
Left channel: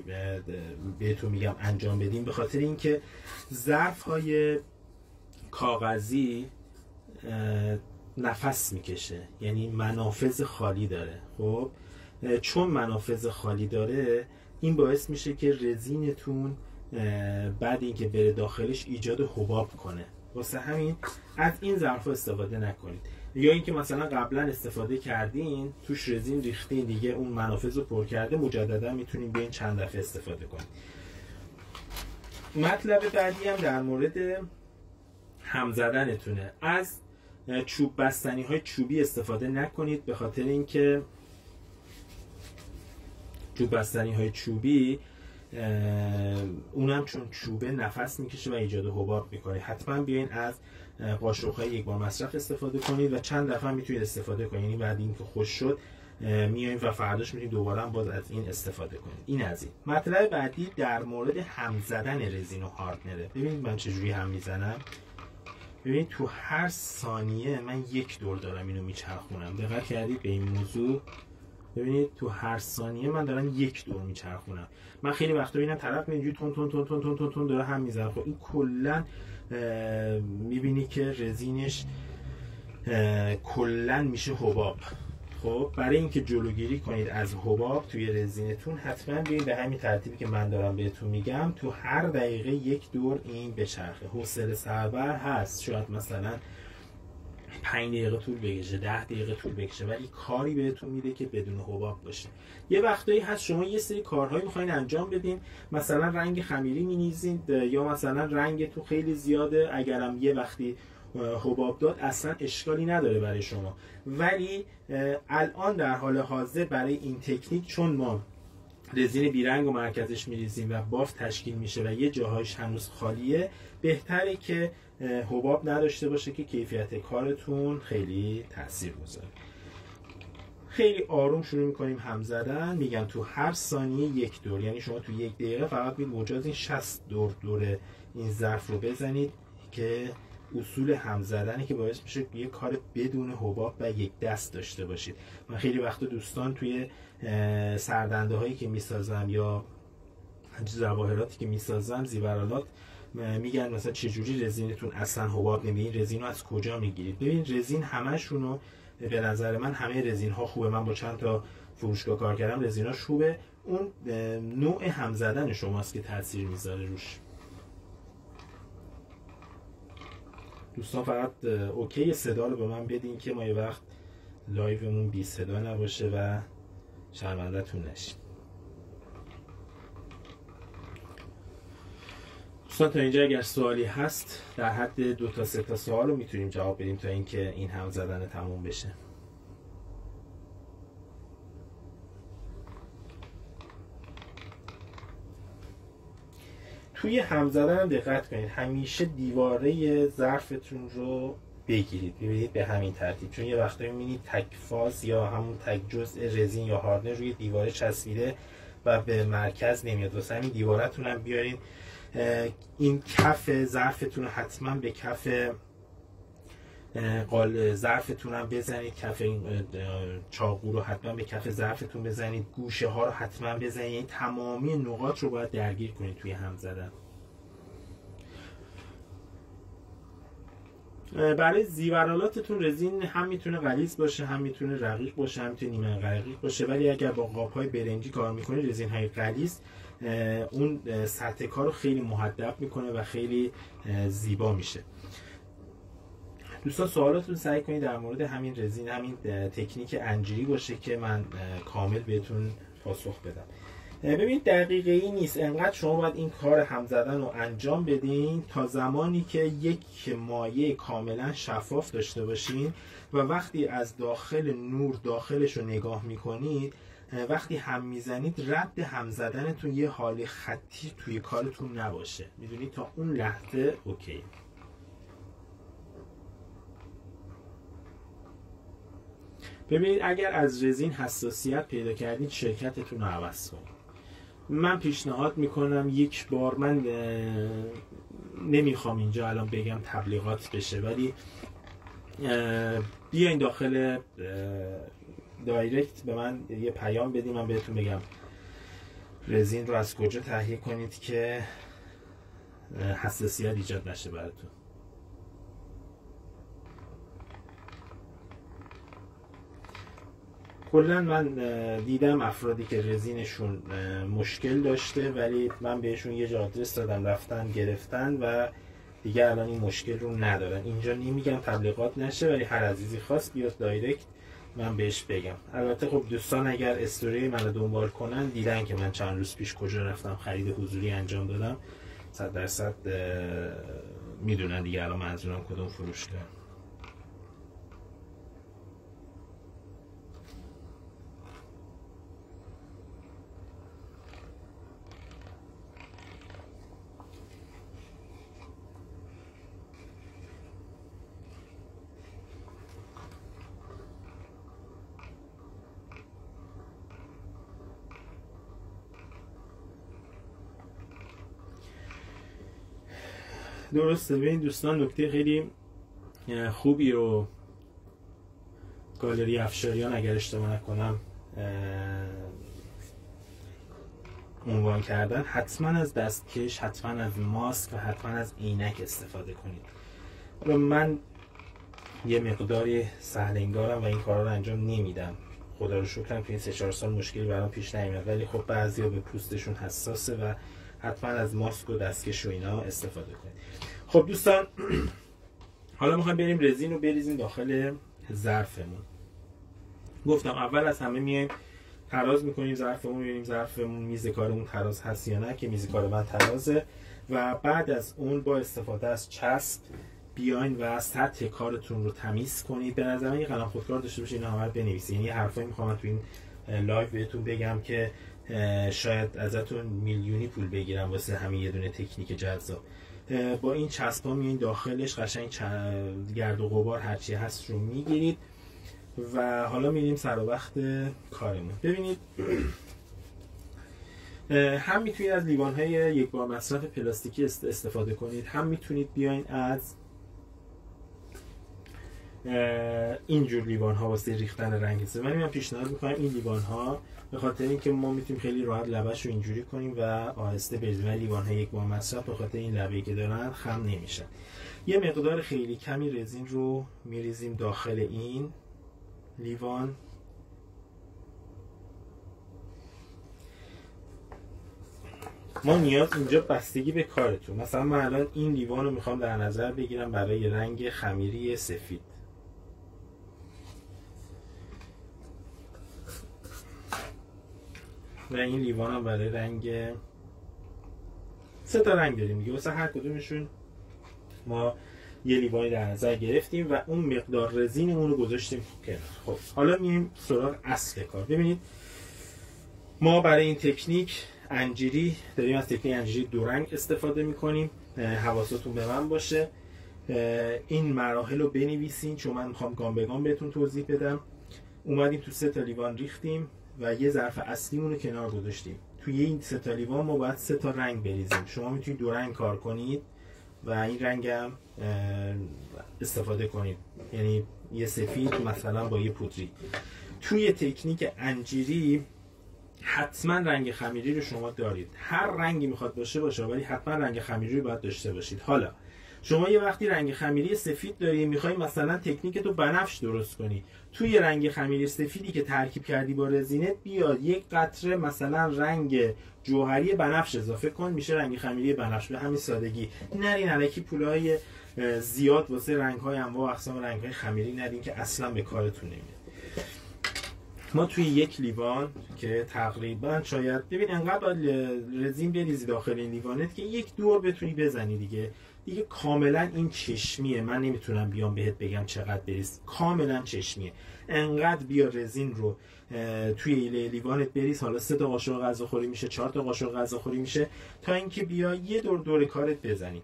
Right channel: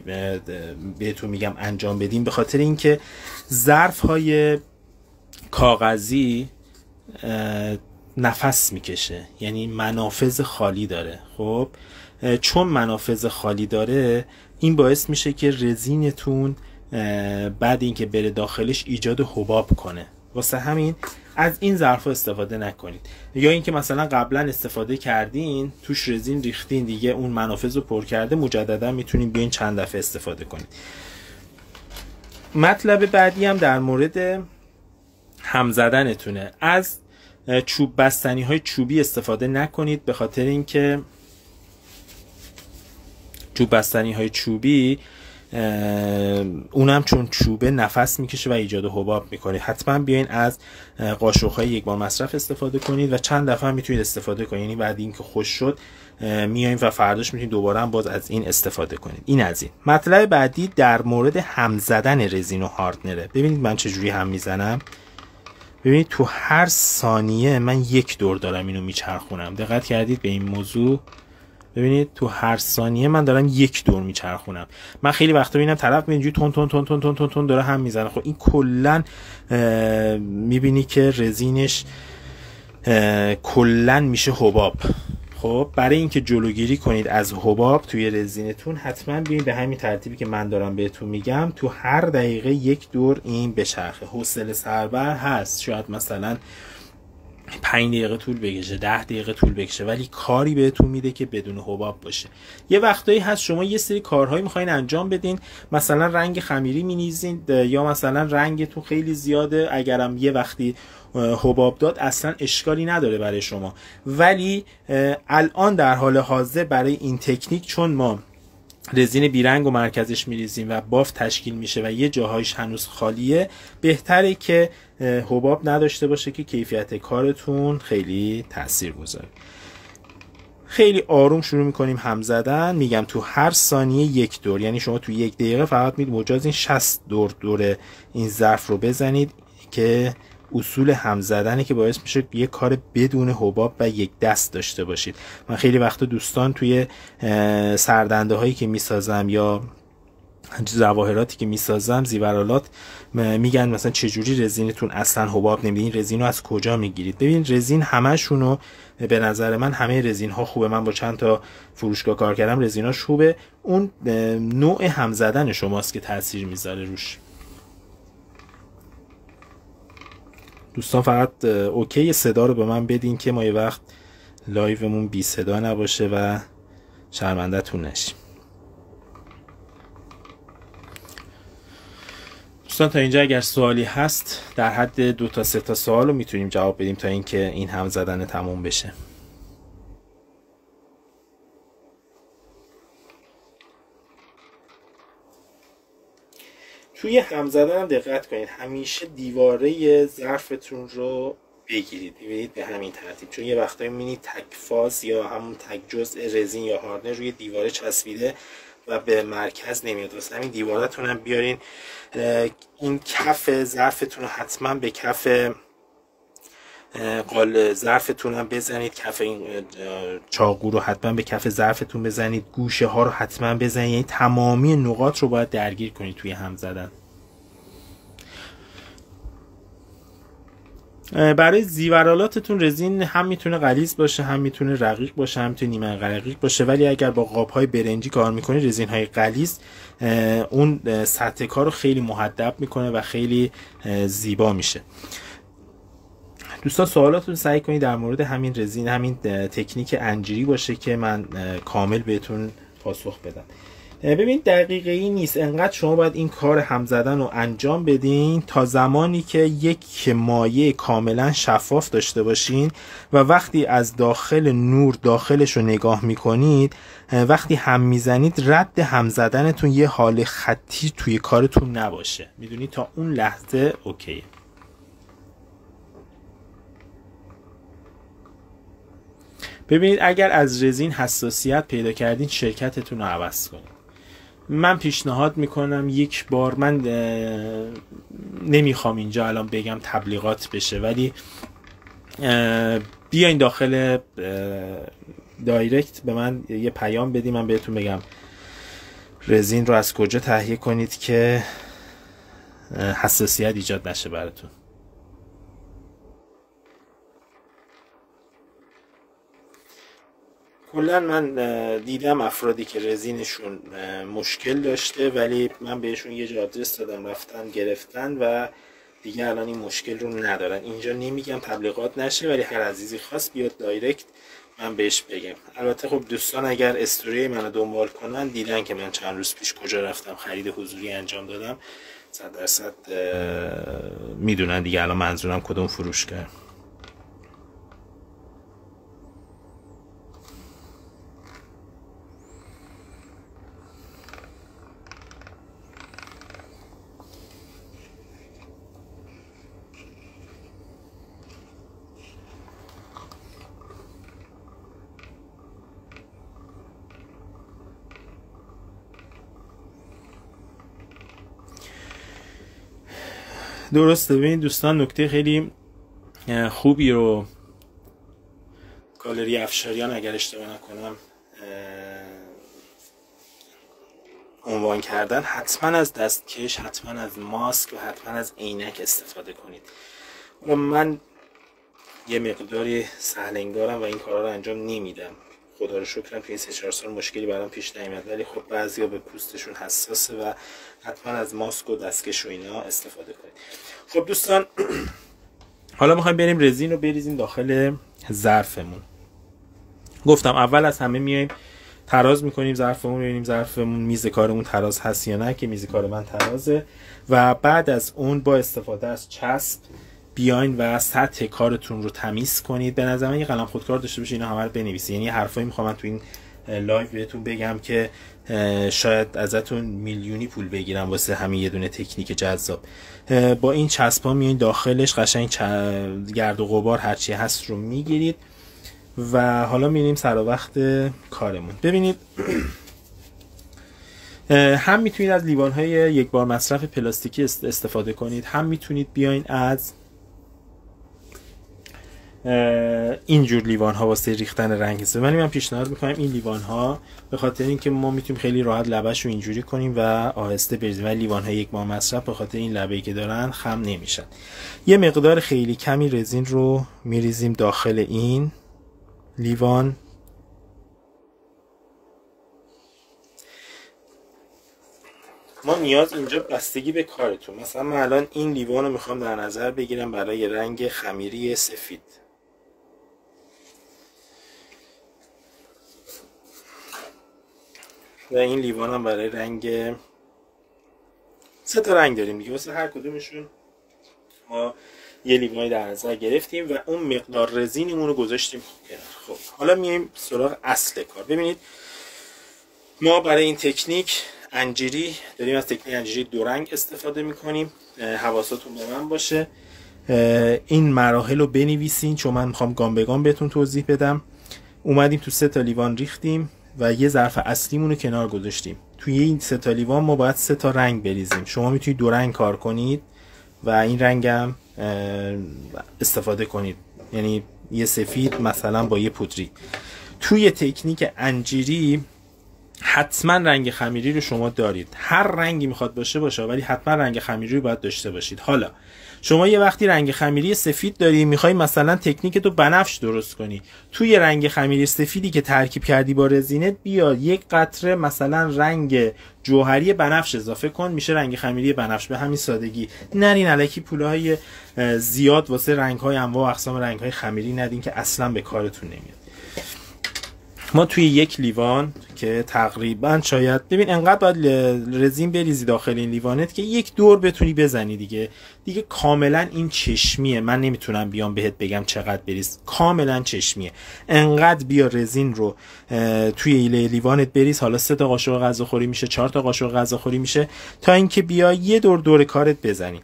بهتون میگم انجام بدیم، به خاطر اینکه ظرفهای کاغذی نفس میکشه، یعنی منافذ خالی داره. خب چون منافذ خالی داره، این باعث میشه که رزینتون بعد اینکه بره داخلش ایجاد حباب کنه. واسه همین از این ظرفا استفاده نکنید. یا اینکه مثلا قبلا استفاده کردین توش رزین ریختین دیگه اون منافذ رو پر کرده، مجددا میتونین بیاین چند دفعه استفاده کنید. مطلب بعدی هم در مورد هم زدنتونه. از چوب بستنی های چوبی استفاده نکنید، به خاطر اینکه چوب بستنی های چوبی اونم چون چوبه نفس میکشه و ایجاد حباب میکنه. حتما بیاین از قاشق‌های یک بار مصرف استفاده کنید و چند دفعه میتونید استفاده کنید، یعنی بعد اینکه خوش شد میایم و فرداش میتونید دوباره هم باز از این استفاده کنید. این از این. مطلب بعدی در مورد هم زدن رزین و هاردنره. ببینید من چجوری هم میزنم. ببینید تو هر ثانیه من یک دور دارم اینو میچرخونم. دقت کردید به این موضوع؟ ببینید تو هر ثانیه من دارم یک دور میچرخونم. من خیلی وقتا میبینم طرف اینجوری تون تون تون تون تون تون تون داره هم میزنه. خب این کلا میبینی که رزینش کلا میشه حباب. خب برای اینکه جلوگیری کنید از حباب توی رزینتون حتما بیاین به همین ترتیبی که من دارم بهتون میگم تو هر دقیقه یک دور این بچرخه. حوصله سربر هست، شاید مثلا 5 دقیقه طول بکشه، 10 دقیقه طول بکشه، ولی کاری بهتون میده که بدون حباب باشه. یه وقتایی هست شما یه سری کارهایی میخواین انجام بدین، مثلا رنگ خمیری مینیزین یا مثلا رنگتون خیلی زیاده، اگرم یه وقتی حباب داد اصلا اشکالی نداره برای شما. ولی الان در حال حاضر برای این تکنیک چون ما رزین بیرنگ و مرکزش میریزیم و بافت تشکیل میشه و یه جاهایش هنوز خالیه، بهتره که حباب نداشته باشه که کیفیت کارتون خیلی تأثیر گذاره. خیلی آروم شروع میکنیم هم زدن. میگم تو هر ثانیه یک دور، یعنی شما تو یک دقیقه فقط مجاز این 60 دور این ظرف رو بزنید که اصول هم زدنه که باعث میشه یه کار بدون حباب و یک دست داشته باشید. من خیلی وقتا دوستان توی سردنده هایی که میسازم یا جواهراتی که میسازم، زیورالات، میگن مثلا چجوری رزینتون اصلا حباب نمیده، این رزین رو از کجا میگیرید؟ ببین رزین همشونو به نظر من همه رزین ها خوبه. من با چند تا فروشگاه کار کردم، رزیناش خوبه. اون نوع هم زدن شماست که تاثیر میذاره روش. دوستان فقط اوکی صدا رو به من بدین که ما یه وقت لایومون بی صدا نباشه و شرمنده تون نشیم. دوستان تا اینجا اگر سوالی هست در حد 2 تا 3 تا سوال رو میتونیم جواب بدیم تا اینکه این هم زدن تموم بشه. توی هم زدن هم دقت کنید، همیشه دیواره ظرفتون رو بگیرید. ببینید به همین ترتیب، چون یه وقتایی میبینید تک فاز یا همون تک جزء رزین یا هاردنر روی دیواره چسبیده و به مرکز نمیاد. واسه همین دیوارتون هم بیارین این کف ظرفتون رو حتما به کف قال ظرفتون هم بزنید، کف این چاقو رو حتما به کف ظرفتون بزنید، گوشه ها رو حتما بزنید، یعنی تمامی نقاط رو باید درگیر کنید توی هم زدن. برای زیورالاتتون رزین هم میتونه غلیظ باشه، هم میتونه رقیق باشه، هم میتونه نیمه رقیق باشه، ولی اگر با قاب‌های برنجی کار میکنید، رزین‌های غلیظ اون سطح کار رو خیلی مهدب میکنه و خیلی زیبا میشه. دوستان سوالاتون سعی کنید در مورد همین رزین، همین تکنیک انجیری باشه که من کامل بهتون پاسخ بدم. ببین دقیقه ای نیست، انقدر شما باید این کار هم زدن رو انجام بدین تا زمانی که یک مایع کاملا شفاف داشته باشین و وقتی از داخل نور داخلش رو نگاه میکنید، وقتی هم میزنید رد هم زدنتون یه حال خطی توی کارتون نباشه. میدونید تا اون لحظه اوکیه. ببینید اگر از رزین حساسیت پیدا کردین، شرکتتون رو عوض کنید. من پیشنهاد میکنم یک بار، من نمیخوام اینجا الان بگم تبلیغات بشه، ولی بیاین داخل دایرکت به من یه پیام بدین، من بهتون بگم رزین رو از کجا تهیه کنید که حساسیت ایجاد نشه براتون. کلا من دیدم افرادی که رزینشون مشکل داشته ولی من بهشون یه جا آدرس دادم، رفتن گرفتن و دیگه الان این مشکل رو ندارن. اینجا نمیگم تبلیغات نشه، ولی هر عزیزی خواست بیاد دایرکت من بهش بگم. البته خب دوستان اگر استوری منو دنبال کنن دیدن که من چند روز پیش کجا رفتم خرید حضوری انجام دادم، 100% میدونن دیگه الان منظورم کدوم فروشگاه. درسته. ببینید دوستان، نکته خیلی خوبی رو گالری افشاریان اگر اشتباه نکنم عنوان کردن. حتما از دستکش، حتما از ماسک و حتما از عینک استفاده کنید. حالا من یه مقداری سهل انگارم و این کارا رو انجام نمیدم، خدا رو شکرم توی این 3-4 سال مشکلی برام پیش نیامد، ولی خب بعضیا به پوستشون حساسه و حتما از ماسک و دستکش و اینا استفاده کنید. خب دوستان، حالا میخوایم بریم رزین رو بریزیم داخل ظرفمون. گفتم اول از همه میایم تراز میکنیم ظرفمون، ببینیم ظرفمون میز کارمون تراز هست یا نه، که میز کار من ترازه، و بعد از اون با استفاده از چسب بیاین و سطح کارتون رو تمیز کنید. به نظر من یه قلم خودکار داشته باشید، اینا همه رو بنویسید. یعنی حرفایی میخوام من تو این لایو بهتون بگم که شاید ازتون میلیونی پول بگیرم واسه همین یه دونه تکنیک جذاب. با این چسبا میاین داخلش قشنگ گرد و غبار هرچی هست رو میگیرید و حالا میریم سر وقت کارمون. ببینید هم میتونید از لیوان‌های یک بار مصرف پلاستیکی استفاده کنید، هم میتونید بیاین از اینجور لیوان ها واسه ریختن رنگ است. ولی من پیشنهاد میکنم این لیوان ها، به خاطر اینکه ما میتونیم خیلی راحت لبش رو اینجوری کنیم و آهسته بریزیم، ولی لیوان ها یک بار مصرف به خاطر این لبه‌ای که دارن خم نمیشن. یه مقدار خیلی کمی رزین رو میریزیم داخل این لیوان. ما نیاز اینجا بستگی به کارتون. مثلا من الان این لیوان رو میخوام در نظر بگیرم برای رنگ خمیری سفید. و این لیوان هم برای رنگ، 3 تا رنگ داریم دیگه، واسه هر کدومشون ما یه لیوانی در نظر گرفتیم و اون مقدار رزینمون رو گذاشتیم کنار. خب حالا میایم سراغ اصل کار. ببینید ما برای این تکنیک انجیری داریم، از تکنیک انجیری 2 رنگ استفاده میکنیم. حواستون به من باشه، این مراحل رو بنویسین چون من میخوام گام به گام بهتون توضیح بدم. اومدیم تو 3 تا لیوان ریختیم و یه ظرف اصلیمون رو کنار گذاشتیم. توی این 3 تا لیوان ما باید 3 تا رنگ بریزیم. شما میتونید 2 رنگ کار کنید و این رنگ هم استفاده کنید، یعنی یه سفید مثلا با یه پودری. توی تکنیک انجیری حتما رنگ خمیری رو شما دارید، هر رنگی میخواد باشه ولی حتما رنگ خمیری رو باید داشته باشید. حالا شما یه وقتی رنگ خمیری سفید داری، میخوای مثلا تکنیک تو بنفش درست کنی، توی رنگ خمیری سفیدی که ترکیب کردی با رزینت بیا یک قطره مثلا رنگ جوهری بنفش اضافه کن، میشه رنگ خمیری بنفش. به همین سادگی. نرین الکی پولهای زیاد واسه رنگ‌های انواع و اقسام رنگ‌های خمیری ندین که اصلا به کارتون نمیاد. ما توی یک لیوان که تقریبا شاید ببین انقدر باید رزین بریزی داخل این لیوانت که یک دور بتونی بزنی دیگه کاملا این چشمیه. من نمیتونم بیام بهت بگم چقدر بریز، کاملا چشمیه. انقدر بیا رزین رو توی لیوانت بریز، حالا 3 تا قاشق غذاخوری میشه، 4 تا قاشق غذاخوری میشه، تا اینکه بیا یه دور کارت بزنی.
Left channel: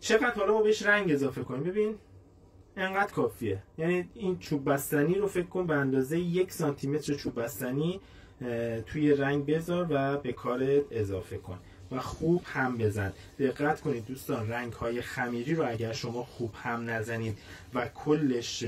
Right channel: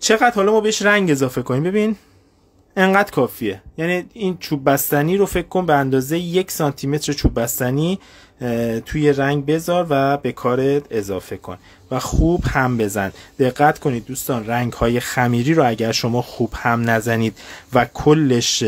چقدر حالا ما بهش رنگ اضافه کنیم، ببین انقدر کافیه. یعنی این چوب بستنی رو فکر کن به اندازه 1 سانتی متر چوب بستنی توی رنگ بذار و به کارت اضافه کن و خوب هم بزن. دقت کنید دوستان، رنگ های خمیری رو اگر شما خوب هم نزنید و کلش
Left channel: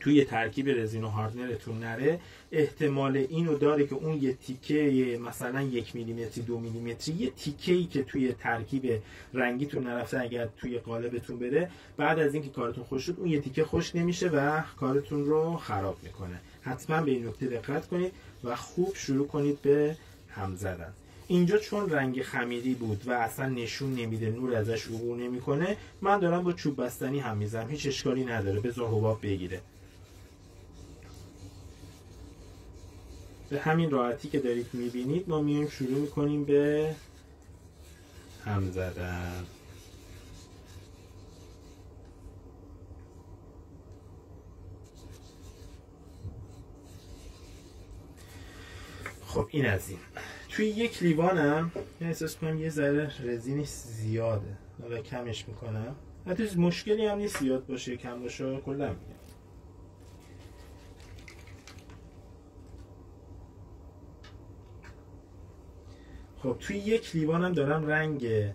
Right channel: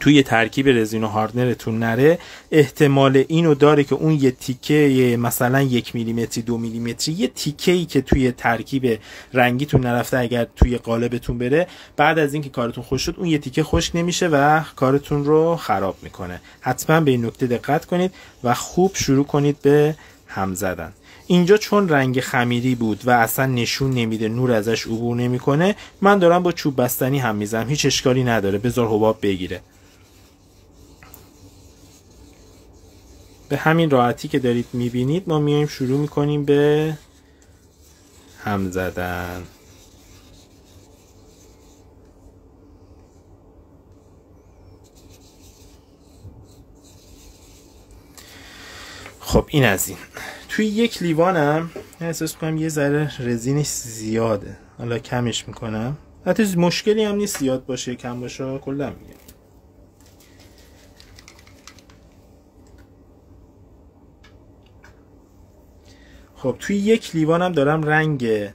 توی ترکیب رزین و هاردنرتون نره، احتمال اینو داره که اون یه تیکه مثلا 1 میلیمتری 2 میلیمتری یه تیکه‌ای که توی ترکیب رنگیتون نرفته اگر توی قالبتون بره، بعد از اینکه کارتون خوش شد اون یه تیکه خشک نمیشه و کارتون رو خراب میکنه. حتما به این نکته دقت کنید و خوب شروع کنید به هم زدن. اینجا چون رنگ خمیری بود و اصلا نشون نمیده، نور ازش عبور نمیکنه، من دارم با چوب بستنی هم میزنم، هیچ اشکالی نداره، بذار حباب بگیره. به همین راحتی که دارید میبینید ما میایم شروع میکنیم به هم زدن. خب این از این. توی یک لیوانم احساس میکنم یه ذره رزینش زیاده، حالا کمش میکنم. حتی مشکلی هم نیست زیاد باشه کم باشه، کلا میگم. خب توی یک لیوانم دارم رنگ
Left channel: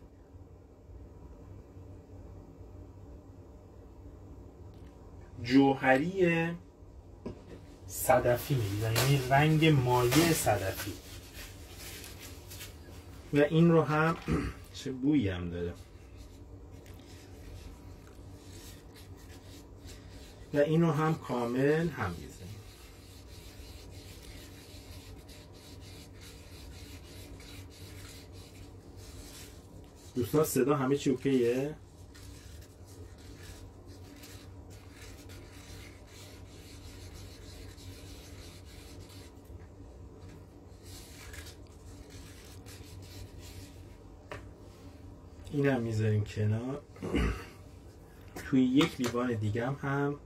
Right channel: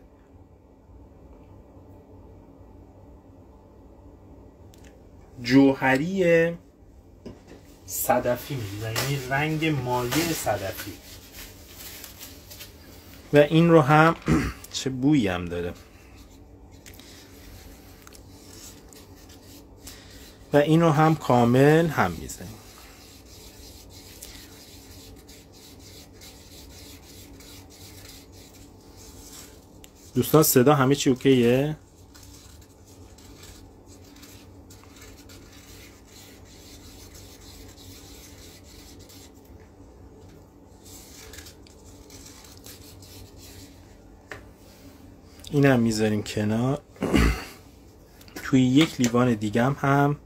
جوهری صدفی می‌ریزن، یعنی رنگ مایع صدفی. و این رو هم چه بویی هم داره. و این رو هم کامل هم میزنیم. دوستان صدا همه چی اوکیه؟ اینم میذاریم کنار. توی یک لیوان دیگم هم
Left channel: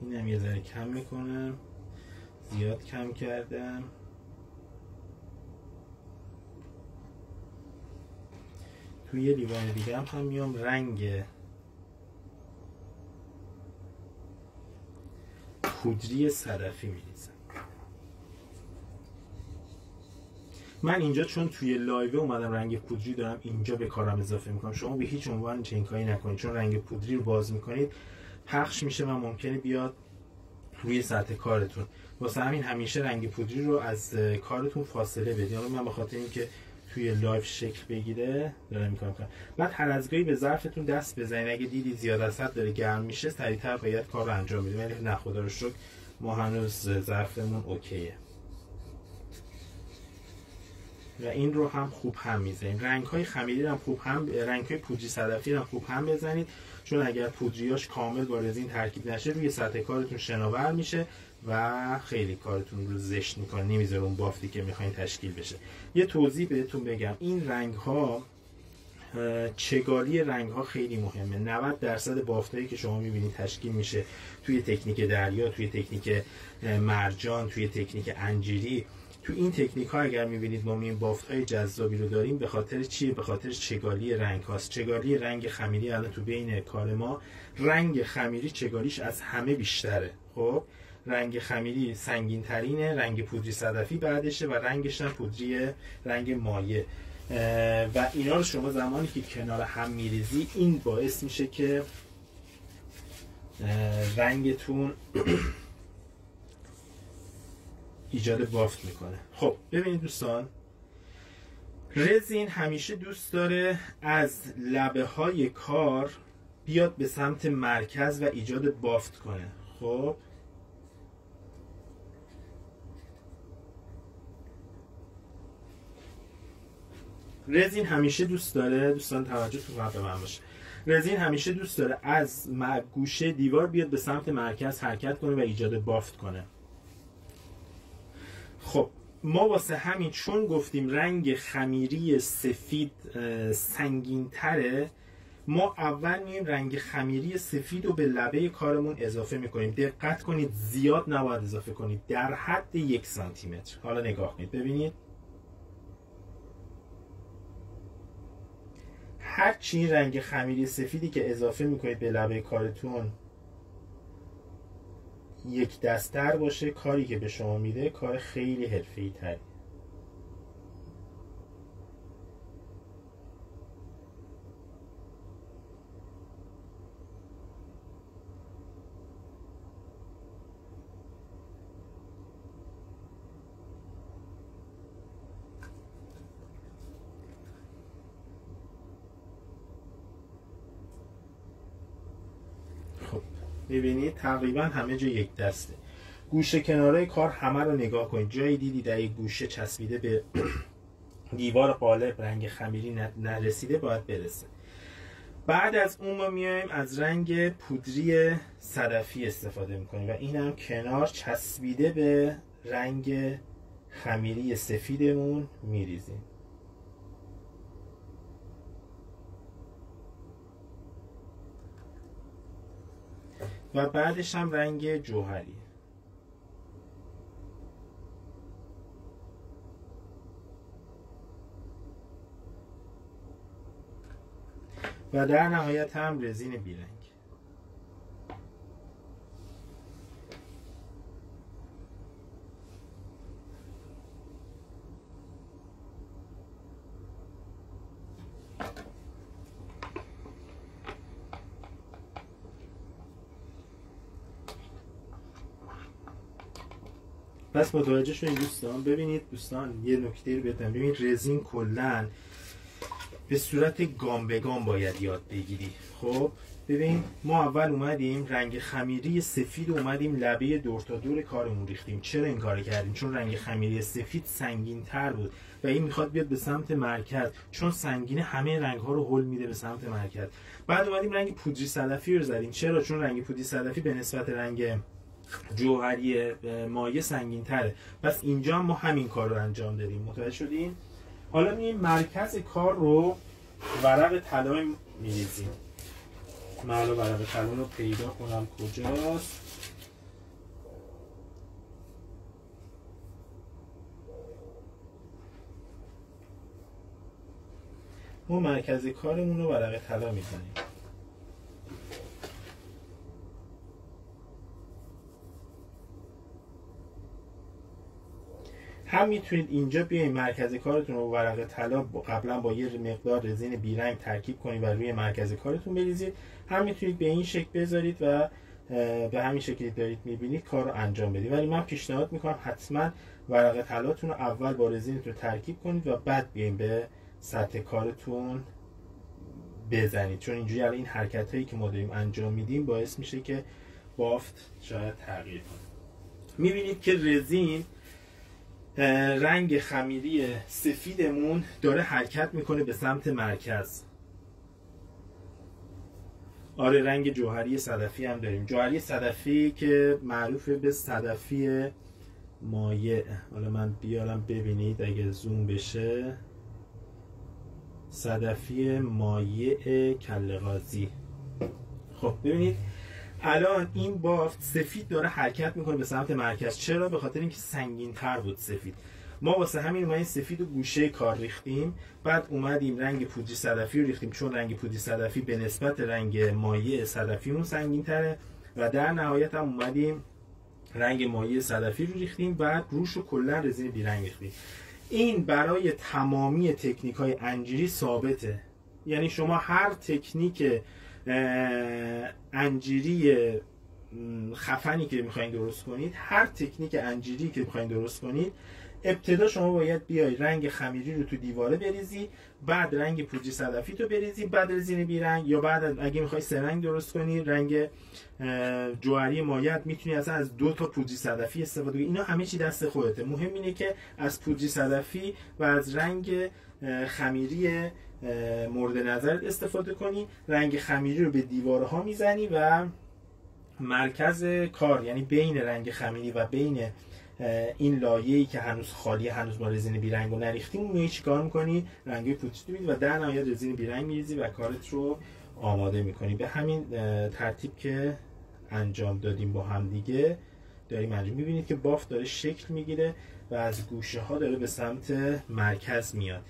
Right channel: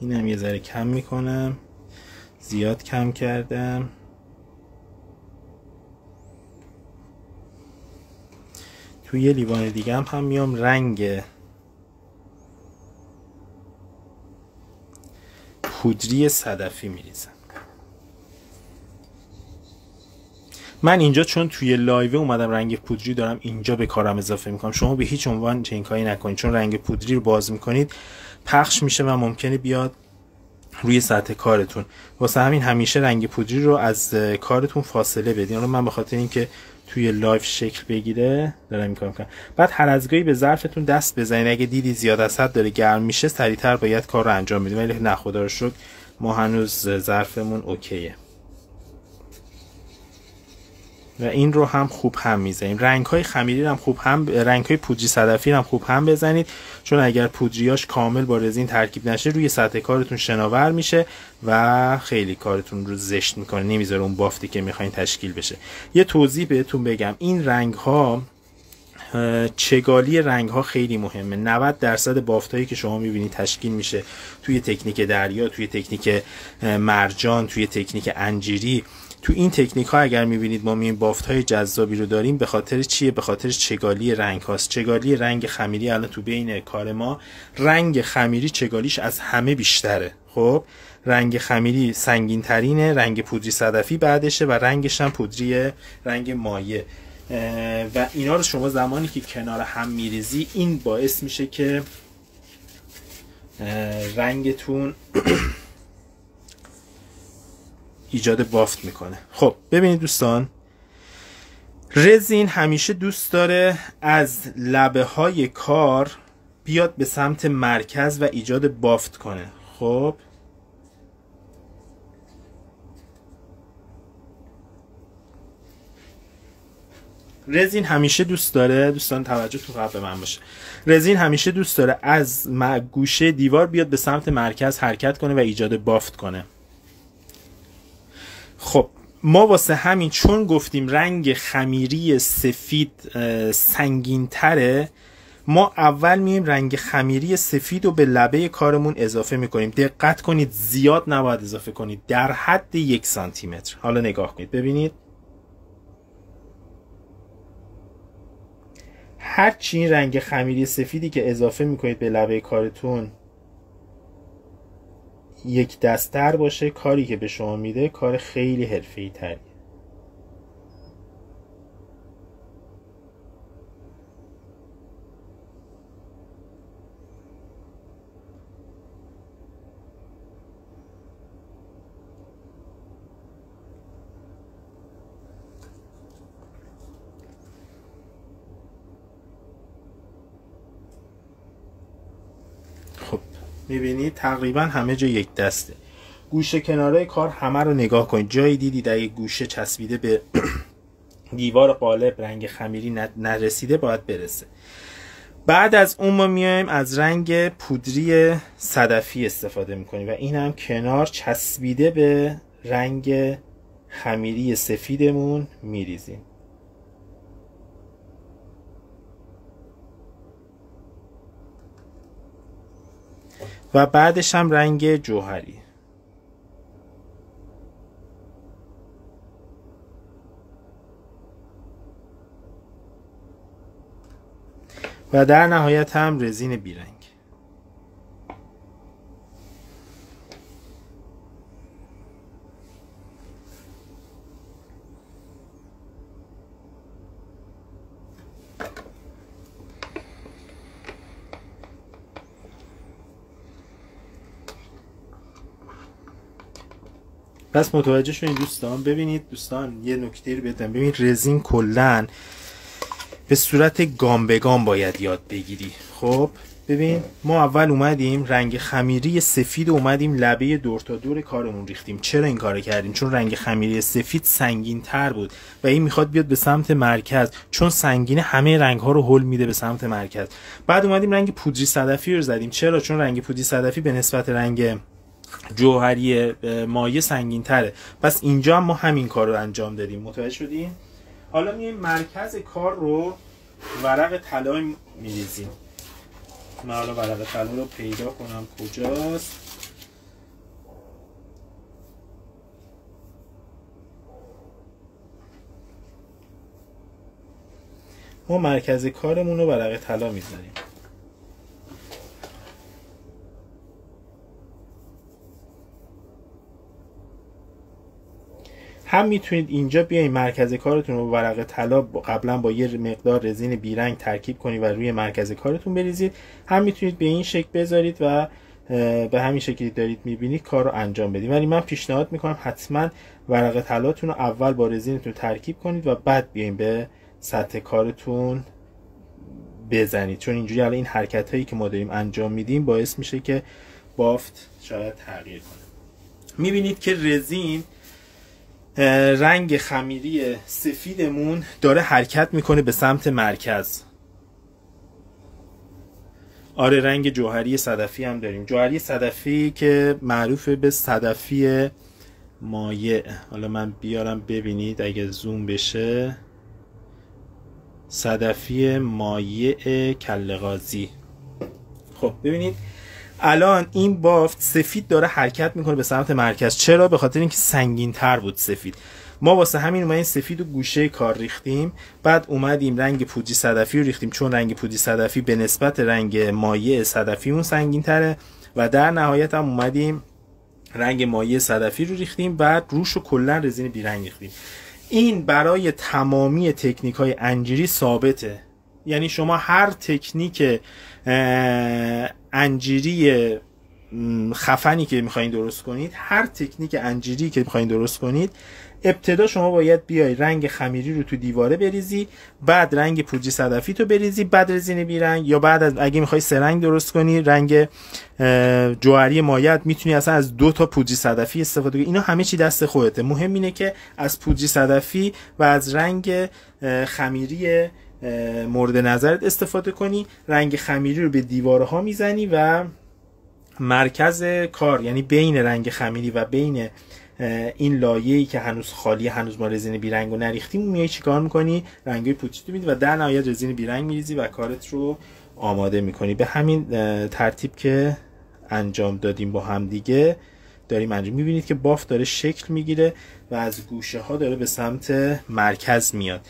اینم یه ذره کم میکنم، زیاد کم کردم. توی یه لیوان دیگه هم میام رنگ پودری صدفی میریزم. من اینجا چون توی لایو اومدم رنگ پودری دارم اینجا به کارم اضافه میکنم. شما به هیچ عنوان چنین کاری نکنید، چون رنگ پودری رو باز میکنید پخش میشه و ممکنه بیاد روی سطح کارتون. واسه همین همیشه رنگ پودری رو از کارتون فاصله بدین. حالا من به خاطر اینکه توی لایو شکل بگیره دارم این کار میکنم. بعد هر از گاهی به ظرفتون دست بزنید، اگه دیدی زیاد از حد داره گرم میشه سریعتر باید کار رو انجام بدیم. ولی نه خدا رو شکر ما هنوز ظرفمون اوکیه. و این رو هم خوب هم میزنیم. رنگ‌های خمیری هم خوب هم، رنگ‌های پودری صدفی هم خوب هم بزنید، چون اگر پودریاش کامل با رزین ترکیب نشه روی سطح کارتون شناور میشه و خیلی کارتون رو زشت میکنه، نمیذاره اون بافتی که میخواین تشکیل بشه. یه توضیح بهتون بگم، این رنگ‌ها چگالی رنگ‌ها خیلی مهمه. 90% بافتایی که شما می‌بینید تشکیل میشه توی تکنیک دریا، توی تکنیک مرجان، توی تکنیک انجیری، تو این تکنیک ها اگر میبینید ما این بافت های جذابی رو داریم، به خاطر چیه؟ به خاطر چگالی رنگ هاست. چگالی رنگ خمیری الان تو بین کار ما رنگ خمیری چگالیش از همه بیشتره. خب رنگ خمیری سنگین ترینه، رنگ پودری صدفی بعدشه و رنگش هم پودری رنگ مایع. و اینا رو شما زمانی که کنار هم میریزی این باعث میشه که رنگتون ایجاد بافت میکنه. خب ببینید دوستان، رزین همیشه دوست داره از لبه های کار بیاد به سمت مرکز و ایجاد بافت کنه. خب رزین همیشه دوست داره، دوستان توجهتون قبل من باشه، رزین همیشه دوست داره از گوشه دیوار بیاد به سمت مرکز حرکت کنه و ایجاد بافت کنه. خب ما واسه همین چون گفتیم رنگ خمیری سفید سنگین تره، ما اول میایم رنگ خمیری سفید رو به لبه کارمون اضافه میکنیم. دقت کنید زیاد نباید اضافه کنید، در حد 1 سانتی متر. حالا نگاه کنید ببینید، هرچی این رنگ خمیری سفیدی که اضافه میکنید به لبه کارتون یک دست‌تر باشه، کاری که به شما میده کار خیلی حرفه‌ای تریه. خب میبینید تقریبا همه جا یک دسته. گوشه کنارهای کار همه رو نگاه کنید، جایی دیدید اگه گوشه چسبیده به دیوار قالب رنگ خمیری نرسیده باید برسه. بعد از اون ما میایم از رنگ پودری صدفی استفاده میکنیم و این هم کنار چسبیده به رنگ خمیری سفیدمون میریزیم. و بعدش هم رنگ جوهری. و در نهایت هم رزین بیرنگ. پس متوجه شدین دوستان. ببینید دوستان یه نکته رو بهتون ببینید، رزین کلن به صورت گام به گام باید یاد بگیری. خب ببین ما اول اومدیم رنگ خمیری سفید اومدیم لبه دور تا دور کارمون ریختیم. چرا این کارو کردیم؟ چون رنگ خمیری سفید سنگین تر بود و این میخواد بیاد به سمت مرکز، چون سنگینه همه رنگ ها رو هول میده به سمت مرکز. بعد اومدیم رنگ پودری صدفی رو زدیم. چرا؟ چون رنگ پودری صدفی به نسبت رنگ جوهری مایع سنگین تره. پس اینجا هم ما همین کار رو انجام دادیم. متوجه شدین؟ حالا میایم مرکز کار رو ورق طلا میریزیم. من حالا ورق طلا رو پیدا کنم کجاست. ما مرکز کارمون رو ورق طلا میذاریم. هم میتونید اینجا بیاین مرکز کارتون رو ورق طلا قبلا با یه مقدار رزین بیرنگ ترکیب کنید و روی مرکز کارتون بریزید، هم میتونید به این شکل بذارید و به همین شکلی دارید میبینید کار رو انجام بدید. ولی من پیشنهاد میکنم حتما ورق طلاتون رو اول با رزینتون ترکیب کنید و بعد بیاین به سطح کارتون بزنید، چون اینجوری الان این حرکت هایی که ما داریم انجام میدیم باعث میشه که بافت شاید تغییر کنه. میبینید که رزین رنگ خمیری سفیدمون داره حرکت میکنه به سمت مرکز. آره رنگ جوهری صدفی هم داریم. جوهری صدفی که معروف به صدفی مایع. حالا من بیارم ببینید اگه زوم بشه، صدفی مایع کله غازی. خب ببینید الان این بافت سفید داره حرکت میکنه به سمت مرکز. چرا؟ به خاطر اینکه سنگین تر بود سفید. ما واسه همین اومدیم سفید و گوشه کار ریختیم، بعد اومدیم رنگ پودری صدفی رو ریختیم، چون رنگ پودری صدفی به نسبت رنگ مایع صدفی اون سنگین تره، و در نهایت هم اومدیم رنگ مایع صدفی رو ریختیم، بعد روش رو کلا رزین بیرنگ ریختیم. این برای تمامی تکنیک های انجیری ثابته. یعنی شما هر تکنیک انجیری خفنی که میخواین درست کنید، هر تکنیک انجیری که میخواین درست کنید، ابتدا شما باید بیای رنگ خمیری رو تو دیواره بریزی، بعد رنگ پودری صدفی تو بریزی، بعد رزین بیرنگ، یا بعد از اگه میخوای سه رنگ درست کنی رنگ جوهری مایع، میتونی اصلا از 2 تا پودری صدفی استفاده کنی. اینا همه چی دست خودته. مهم اینه که از پودری صدفی و از رنگ خمیری مورد نظرت استفاده کنی. رنگ خمیری رو به دیواره ها میزنی و مرکز کار، یعنی بین رنگ خمیری و بین این لایه‌ای که هنوز خالی، هنوز ما رزین بیرنگو نریختیم، میای چیکار میکنی؟ رنگای پودری تو میدی و در نهایت رزین بیرنگ میریزی و کارت رو آماده میکنی. به همین ترتیب که انجام دادیم با هم دیگه داریم انجام. میبینید که بافت داره شکل میگیره و از گوشه ها داره به سمت مرکز میاد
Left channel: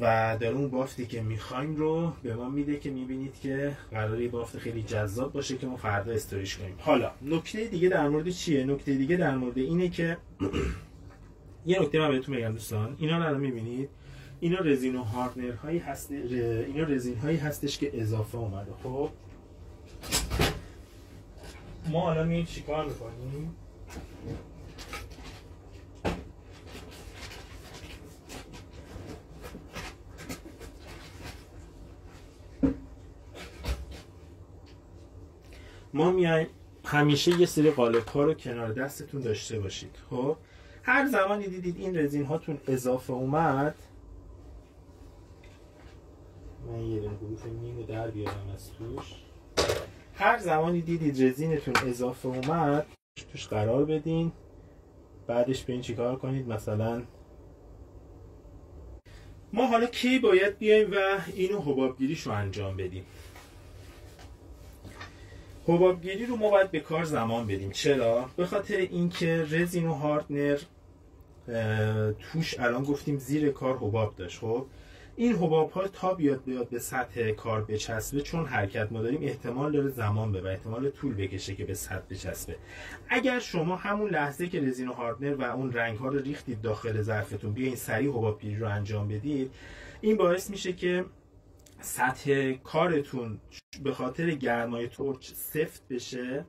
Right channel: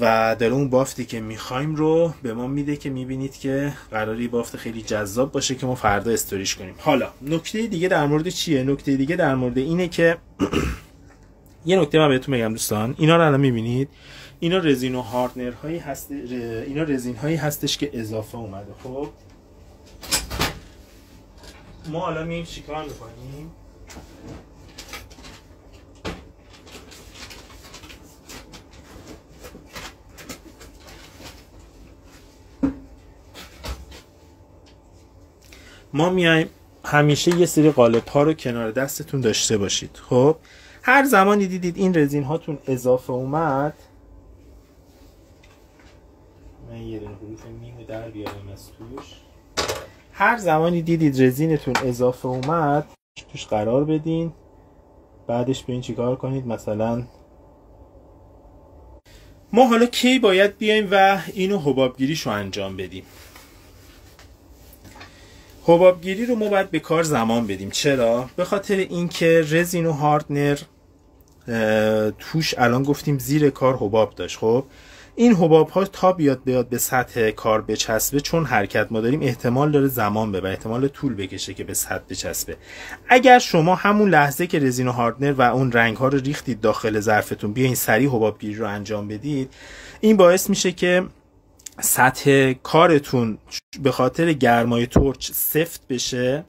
و داره اون بافتی که میخوایم رو به ما میده که میبینید که قراره بافت خیلی جذاب باشه که ما فردا استوریش کنیم. حالا نکته دیگه در مورد چیه؟ نکته دیگه در مورد اینه که یه نکته من بهتون بگم دوستان، اینا رو الان میبینید، اینا رزین و هاردنر هایی هست، اینا رزین هایی هستش که اضافه اومده. خب ما حالا میایم چیکار میکنیم؟ ما میایم همیشه یه سری قالب ها رو کنار دستتون داشته باشید. خب هر زمانی دیدید این رزین هاتون اضافه اومد، من یه دونه حروف میمو در بیارم از توش. هر زمانی دیدید رزینتون اضافه اومد توش قرار بدین، بعدش به این چیکار کنید. مثلا ما حالا کی باید بیایم و اینو حبابگیریشو انجام بدیم؟ حبابگیری رو ما باید به کار زمان بدیم. چرا؟ به خاطر اینکه رزین و هاردنر توش الان گفتیم زیر کار حباب داشت. خب این حباب ها تا بیاد به سطح کار بچسبه، چون حرکت ما داریم، احتمال داره زمان ببره، احتمال طول بکشه که به سطح بچسبه. اگر شما همون لحظه که رزین و هاردنر و اون رنگ ها رو ریختید داخل ظرفتون بیاین سریع حبابگیری رو انجام بدید، این باعث میشه که سطح کارتون به خاطر گرمای تورچ سفت بشه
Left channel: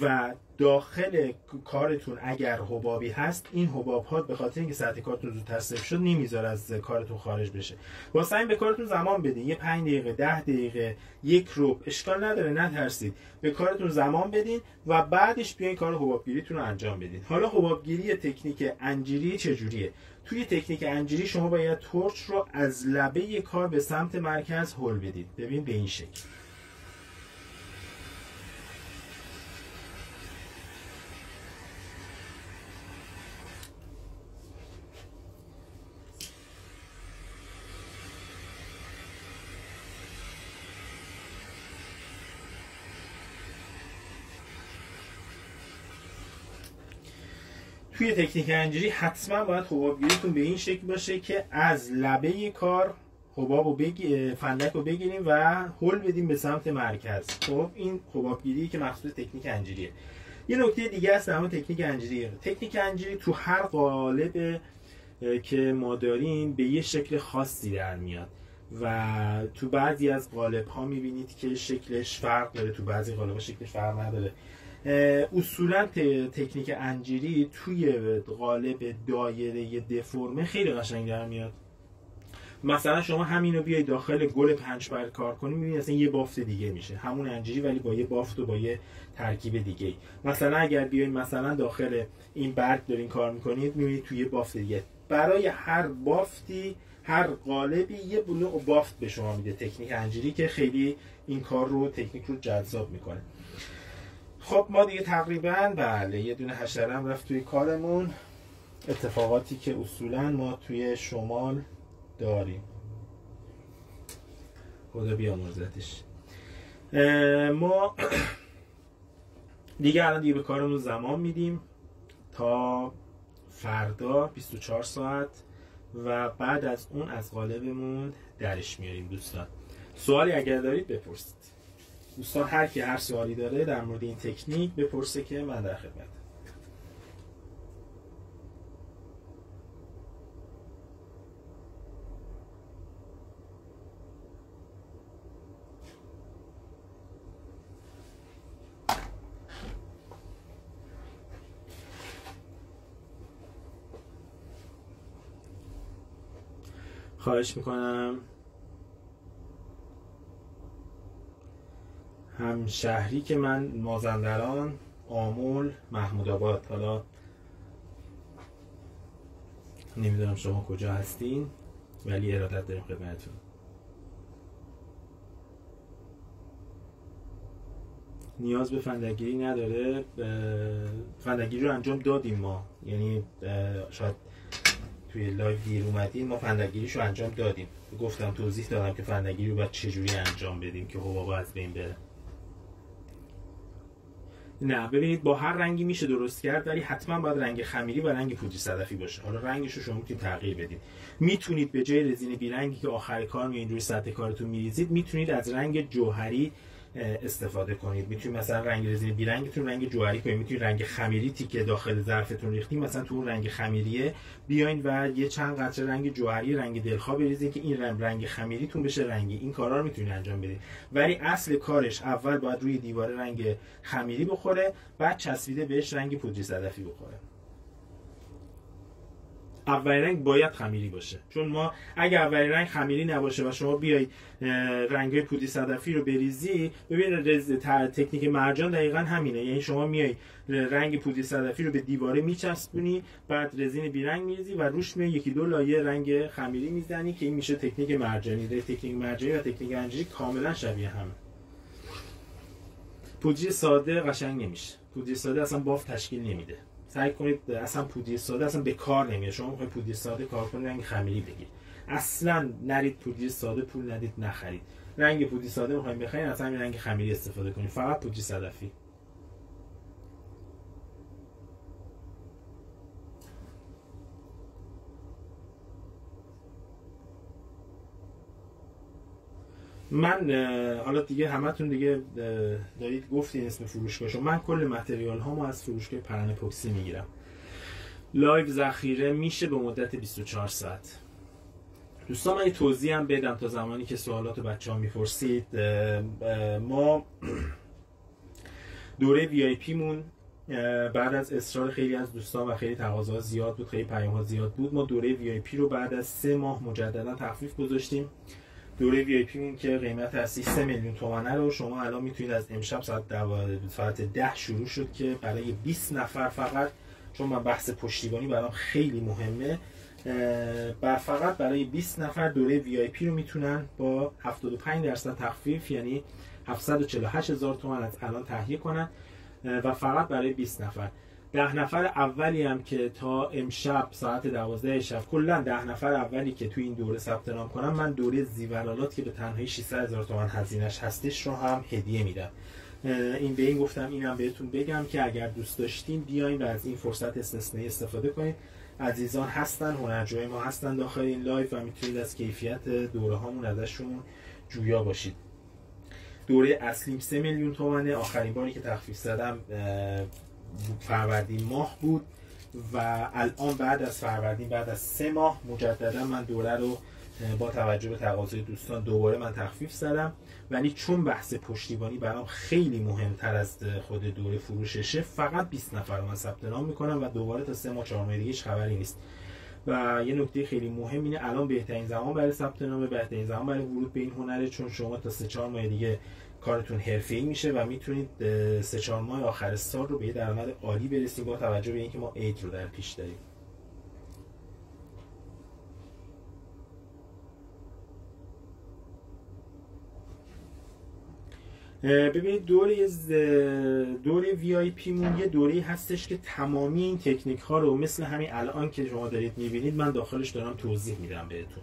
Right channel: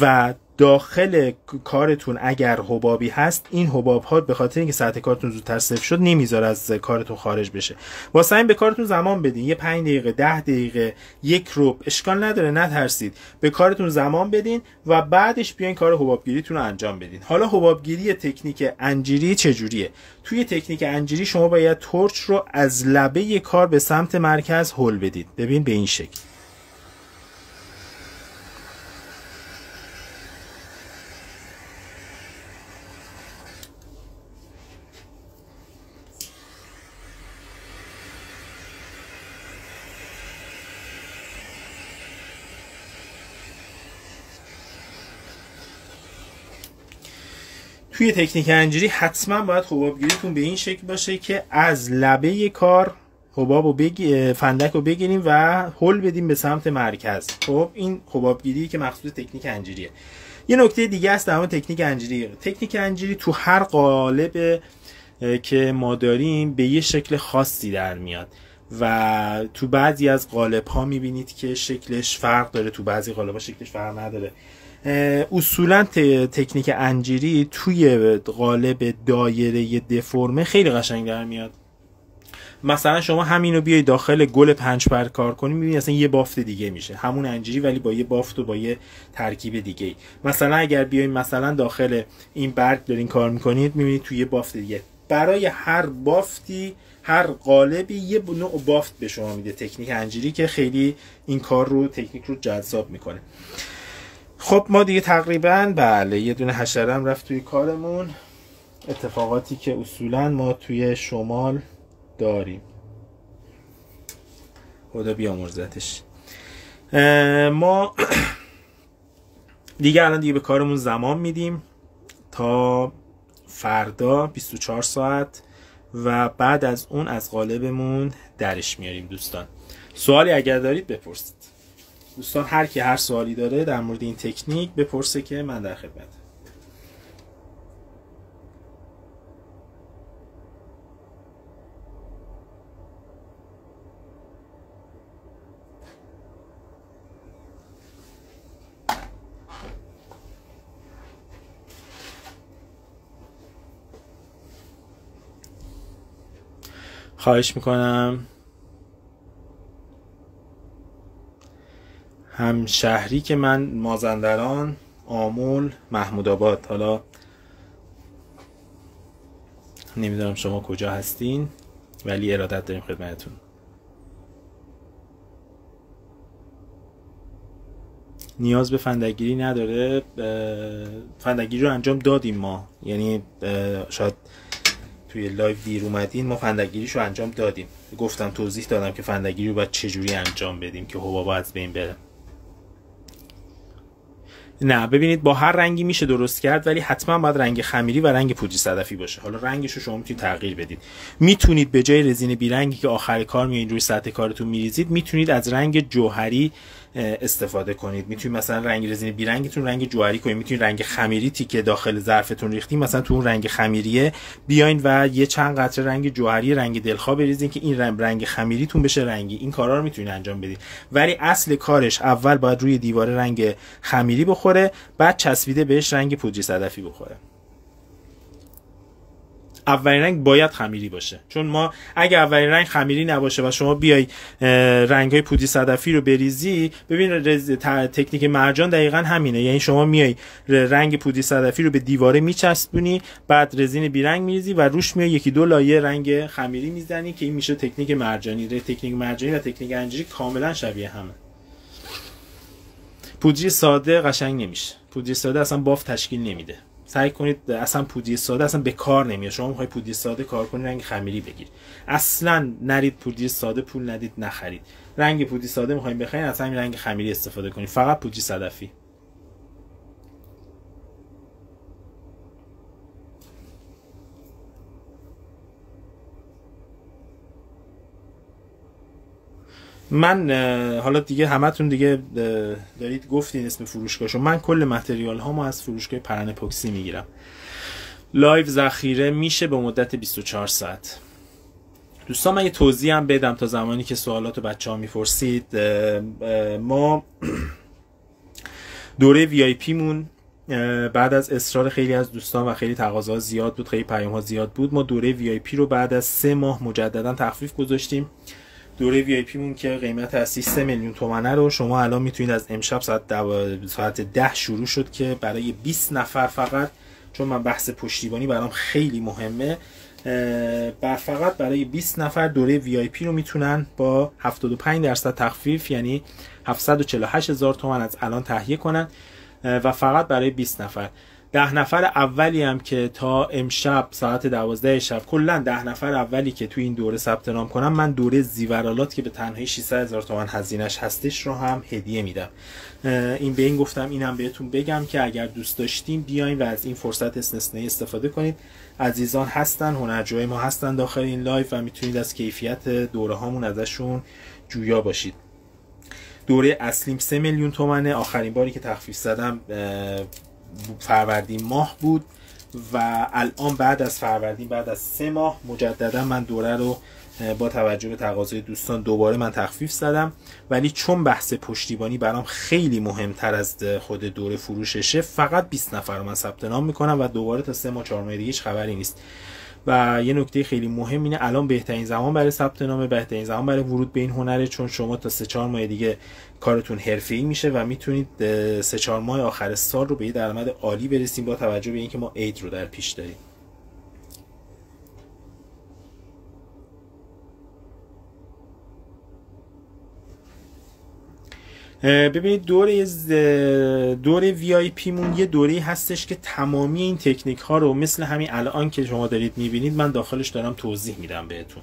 و داخل کارتون اگر حبابی هست، این حباب ها به خاطر اینکه ساعت کارتون زودتر صفر شد نمیذاره از کارتون خارج بشه. واسه این به کارتون زمان بدین، یه 5 دقیقه 10 دقیقه 1 ربع اشکال نداره، نترسید، به کارتون زمان بدین و بعدش بیاین کار حبابگیریتون رو انجام بدین. حالا حبابگیری تکنیک انجیری چجوریه؟ توی تکنیک انجیری شما باید تورچ رو از لبه کار به سمت مرکز هل بدید. ببین به این شکل. توی تکنیک انجیری حتما باید حبابگیریتون به این شکل باشه که از لبه کار حباب رو فندک رو بگیریم و هل بدیم به سمت مرکز. خب این حبابگیری که مخصوص تکنیک انجیریه. یه نکته دیگه است در مورد تکنیک انجیری. تکنیک انجیری تو هر قالب که ما داریم به یه شکل خاصی در میاد و تو بعضی از قالب ها میبینید که شکلش فرق داره، تو بعضی قالب ها شکلش فرق نداره. اصولا تکنیک انجیری توی قالب دایره دفرمه خیلی قشنگ در میاد. مثلا شما همینو بیای داخل گل 5 پر کار کنی، میبینی اصلا یه بافت دیگه میشه، همون انجیری ولی با یه بافت و با یه ترکیب دیگه. مثلا اگر بیاین مثلا داخل این برگ دارین کار میکنید، میبینید توی یه بافت دیگه. برای هر بافتی، هر قالبی یه نوع بافت به شما میده تکنیک انجیری که خیلی این کار رو، تکنیک رو جذاب میکنه. خب ما دیگه تقریبا بله یه دونه حشره هم رفت توی کارمون. اتفاقاتی که اصولا ما توی شمال داریم، خدا بیامرزتش. ما دیگه الان دیگه به کارمون زمان میدیم تا فردا 24 ساعت و بعد از اون از قالبمون درش میاریم. دوستان سوالی اگر دارید بپرسید. دوستان هر کی هر سوالی داره در مورد این تکنیک بپرسه که من در خدمتم. خواهش میکنم. همشهری که من مازندران، آمل، محمود آباد. حالا نمیدونم شما کجا هستین ولی ارادت داریم خدمتتون. نیاز به فندگیری نداره. فندگیری رو انجام دادیم ما، یعنی شاید توی لایو دیر اومدین، ما فندگیریشو انجام دادیم. گفتم توضیح دادم که فندگیری رو باید چجوری انجام بدیم که حبابا از بین بره. نه ببینید با هر رنگی میشه درست کرد ولی حتما باید رنگ خمیری و رنگ پودری صدفی باشه. حالا رنگش رو شما میتونید تغییر بدید. میتونید به جای رزین بیرنگی که آخر کار میایین روی سطح کارتون میریزید، میتونید از رنگ جوهری استفاده کنید. میتونید مثلا رنگ رزین بیرنگتون رنگ جوهری کنید. میتونید رنگ خمیریتی که داخل ظرفتون ریختین مثلا تو اون رنگ خمیریه بیاین و یه چند قطره رنگ جوهری رنگ دلخواه بریزین که این رنگ خمیریتون بشه رنگی. این کارا رو میتونید انجام بدید ولی اصل کارش اول باید روی دیوار رنگ خمیری بخوره، بعد چسبیده بهش رنگ پودری صدفی بخوره. اولین رنگ باید خمیری باشه، چون ما اگه اولین رنگ خمیری نباشه و شما بیای رنگ‌های پودری صدفی رو بریزی، ببین تکنیک مرجان دقیقاً همینه. یعنی شما میای رنگ پودری صدفی رو به دیواره میچسبونی، بعد رزین بیرنگ میریزی و روش میای یکی دو لایه رنگ خمیری میزنی که این میشه تکنیک مرجانی. تکنیک مرجانی و تکنیک انجیری کاملا شبیه همه. پودری ساده قشنگ نمیشه. پودری ساده اصلا بافت تشکیل نمیده. سعی کنید اصلا پودری ساده اصلا به کار نمیاد. شما میخواید پودری ساده کار کنید رنگ خمیری بگیر، اصلا نرید پودری ساده پول ندید نخرید. رنگ پودری ساده میخواید بخرید اصلا رنگ خمیری استفاده کنید، فقط پودری صدفی. من حالا دیگه همتون دیگه دارید گفتین اسم فروشگاهشو. من کل متریال هامو از فروشگاه پرن اپوکسی میگیرم. لایو ذخیره میشه به مدت 24 ساعت. دوستان من یه توضیح هم بدم تا زمانی که سوالاتو بچه‌ها میپرسید. ما دوره VIP مون بعد از اصرار خیلی از دوستان و خیلی تقاضا زیاد بود، خیلی پیام ها زیاد بود، ما دوره VIP رو بعد از 3 ماه مجددا تخفیف گذاشتیم. دوره VIP مون که قیمت اصلی 3 میلیون تومانه رو شما الان میتونید از امشب ساعت 10 شروع شد که برای 20 نفر فقط، چون من بحث پشتیبانی برام خیلی مهمه، فقط برای 20 نفر دوره VIP رو میتونن با 75% تخفیف یعنی 748,000 تومان از الان تهیه کنن و فقط برای 20 نفر. 10 نفر اولی هم که تا امشب ساعت 12 شب، کلا 10 نفر اولی که توی این دوره ثبت نام کنم، من دوره زیورالات که به تنهایی 600,000 تومان هزینه‌اش هستش رو هم هدیه میدم. این به این گفتم اینم بهتون بگم که اگر دوست داشتین بیاین و از این فرصت استثنایی استفاده کنید. عزیزان هستن، هنرجوی ما هستن داخل این لایو و میتونید از کیفیت دوره هامون ازشون جویا باشید. دوره اصلیم 3 میلیون تومانه. آخرین باری که تخفیف زدم فروردین ماه بود و الان بعد از فروردین، بعد از 3 ماه مجددا من دوره رو با توجه به تقاضای دوستان دوباره من تخفیف زدم، ولی چون بحث پشتیبانی برام خیلی مهمتر از خود دوره فروششه، فقط 20 نفر رو من ثبت نام میکنم و دوباره تا 3 ماه 4 ماه دیگه هیچ خبری نیست. و یه نکته خیلی مهم اینه الان بهترین زمان برای ثبت نام، بهترین زمان برای ورود به این هنره، چون شما تا 3-4 ماه دیگه کارتون حرفه‌ای میشه و میتونید 3-4 ماه آخر سال رو به یه درآمد عالی برسیم با توجه به اینکه ما عید رو در پیش داریم. ببینید دوره VIP مون یه دوره هستش که تمامی این تکنیک ها رو مثل همین الان که شما دارید میبینید من داخلش دارم توضیح میدم بهتون،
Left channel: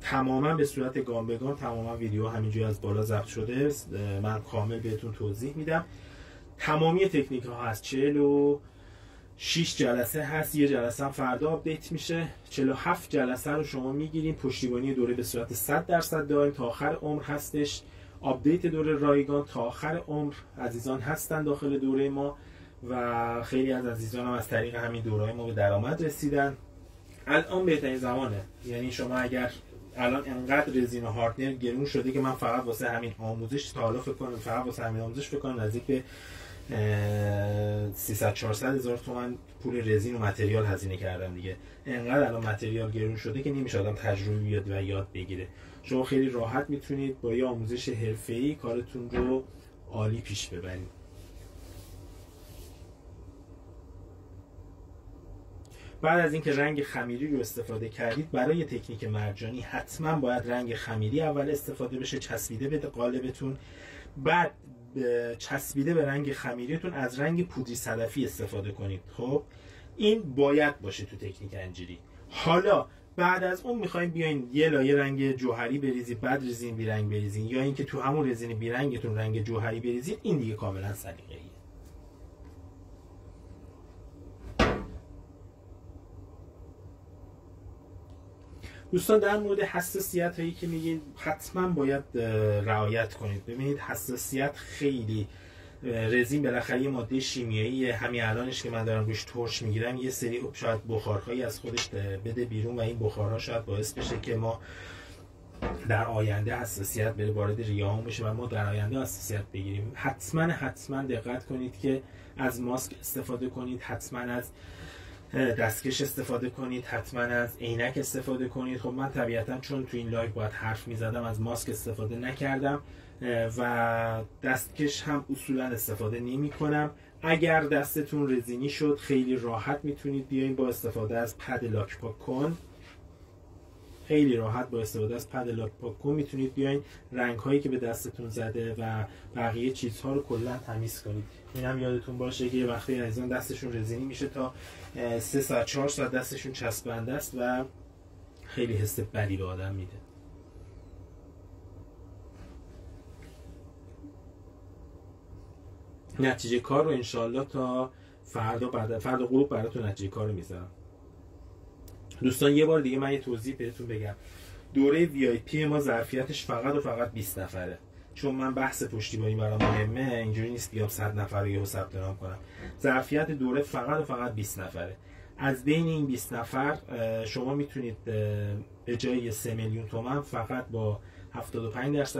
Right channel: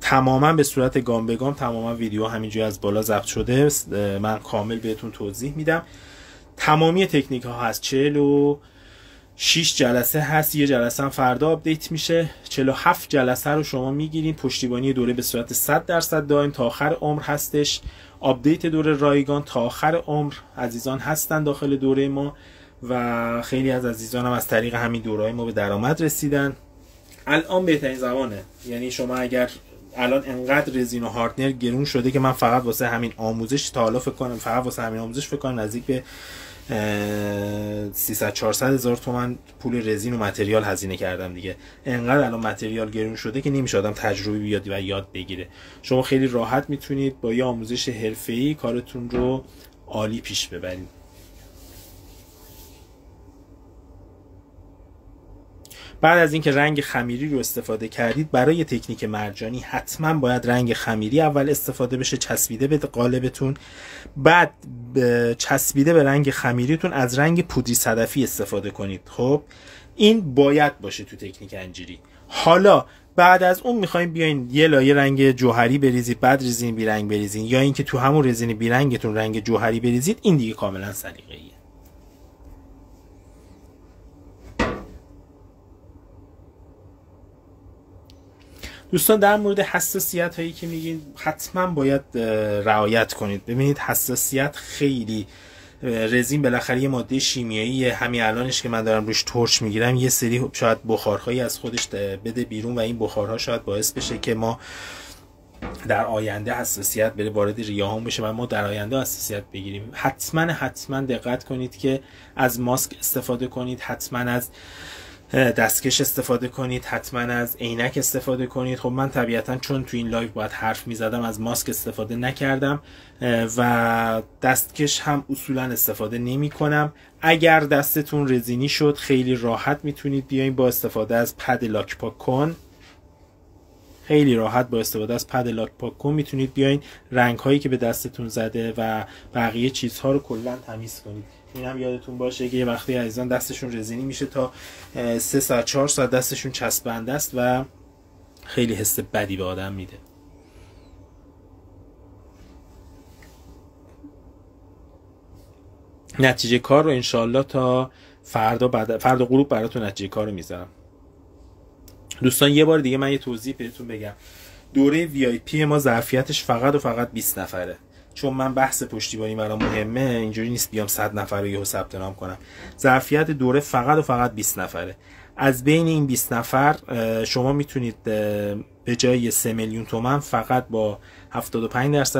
تماما به صورت گام به گام، تماما ویدیو همینجوری از بالا ضبط شده، من کامل بهتون توضیح میدم. تمامی تکنیک ها هست، 46 جلسه هست، یه جلسه هم فردا آپدیت میشه. 47 جلسه رو شما میگیرین. پشتیبانی دوره به صورت 100% دائم تا آخر عمر هستش. آپدیت دوره رایگان تا آخر عمر عزیزان هستن داخل دوره ما و خیلی از عزیزان هم از طریق همین دوره‌های ما به درآمد رسیدن. الان بهترین زمانه، یعنی شما اگر الان انقدر رزین و هاردنر گرون شده که من فقط واسه همین آموزش تا حالا فکر کنم نزدیک به 300-400 هزار تومان پول رزین و متریال هزینه کردم دیگه. انقدر الان متریال گرون شده که نمیشه آدم تجربه بیاد و یاد بگیره. شما خیلی راحت میتونید با یه آموزش حرفه‌ای کارتون رو عالی پیش ببرید. بعد از اینکه رنگ خمیری رو استفاده کردید، برای تکنیک مرجانی حتما باید رنگ خمیری اول استفاده بشه، چسبیده به قالبتون، بعد چسبیده به رنگ خمیریتون از رنگ پودری صدفی استفاده کنید. خب این باید باشه تو تکنیک انجیری. حالا بعد از اون میخوایم بیاین یه لایه رنگ جوهری بریزید، بعد رزین بیرنگ بریزین، یا اینکه تو همون رزین بیرنگتون رنگ جوهری بریزید، این دیگه کاملا سلیقه‌ایه. دوستان در مورد حساسیت هایی که میگین حتما باید رعایت کنید. ببینید حساسیت خیلی، رزین بالاخره یه ماده شیمیایی، همین الانش که من دارم روش ترش میگیرم یه سری شاید بخارهایی از خودش بده بیرون و این بخارها شاید باعث بشه که ما در آینده حساسیت بره وارد ریه‌هامون بشه و ما در آینده حساسیت بگیریم. حتما دقت کنید که از ماسک استفاده کنید، حتما از دستکش استفاده کنید، حتما از عینک استفاده کنید. خب من طبیعتا چون تو این لایو باید حرف میزدم از ماسک استفاده نکردم و دستکش هم اصولا استفاده نمی کنم. اگر دستتون رزینی شد خیلی راحت میتونید بیاین با استفاده از پد لاک پاک کن، خیلی راحت با استفاده از پد لاک پاک کن میتونید بیاین رنگ هایی که به دستتون زده و بقیه چیزها رو کلا تمیز کنید. این هم یادتون باشه که یه وقتی عزیزان دستشون رزینی میشه تا 3 ساعت 4 ساعت دستشون چسبنده است و خیلی حس بدی به آدم میده. نتیجه کار رو انشالله تا فردا غروب براتون نتیجه کار رو میذارم. دوستان یه بار دیگه من یه توضیح بهتون بگم. دوره VIP ما ظرفیتش فقط و فقط 20 نفره. چون من بحث پشتیبانی برام مهمه، اینجوری نیست بیام 100 نفر رو یهو ثبت نام کنم. ظرفیت دوره فقط و فقط 20 نفره. از بین این 20 نفر شما میتونید به جای 3 میلیون تومان فقط با 75%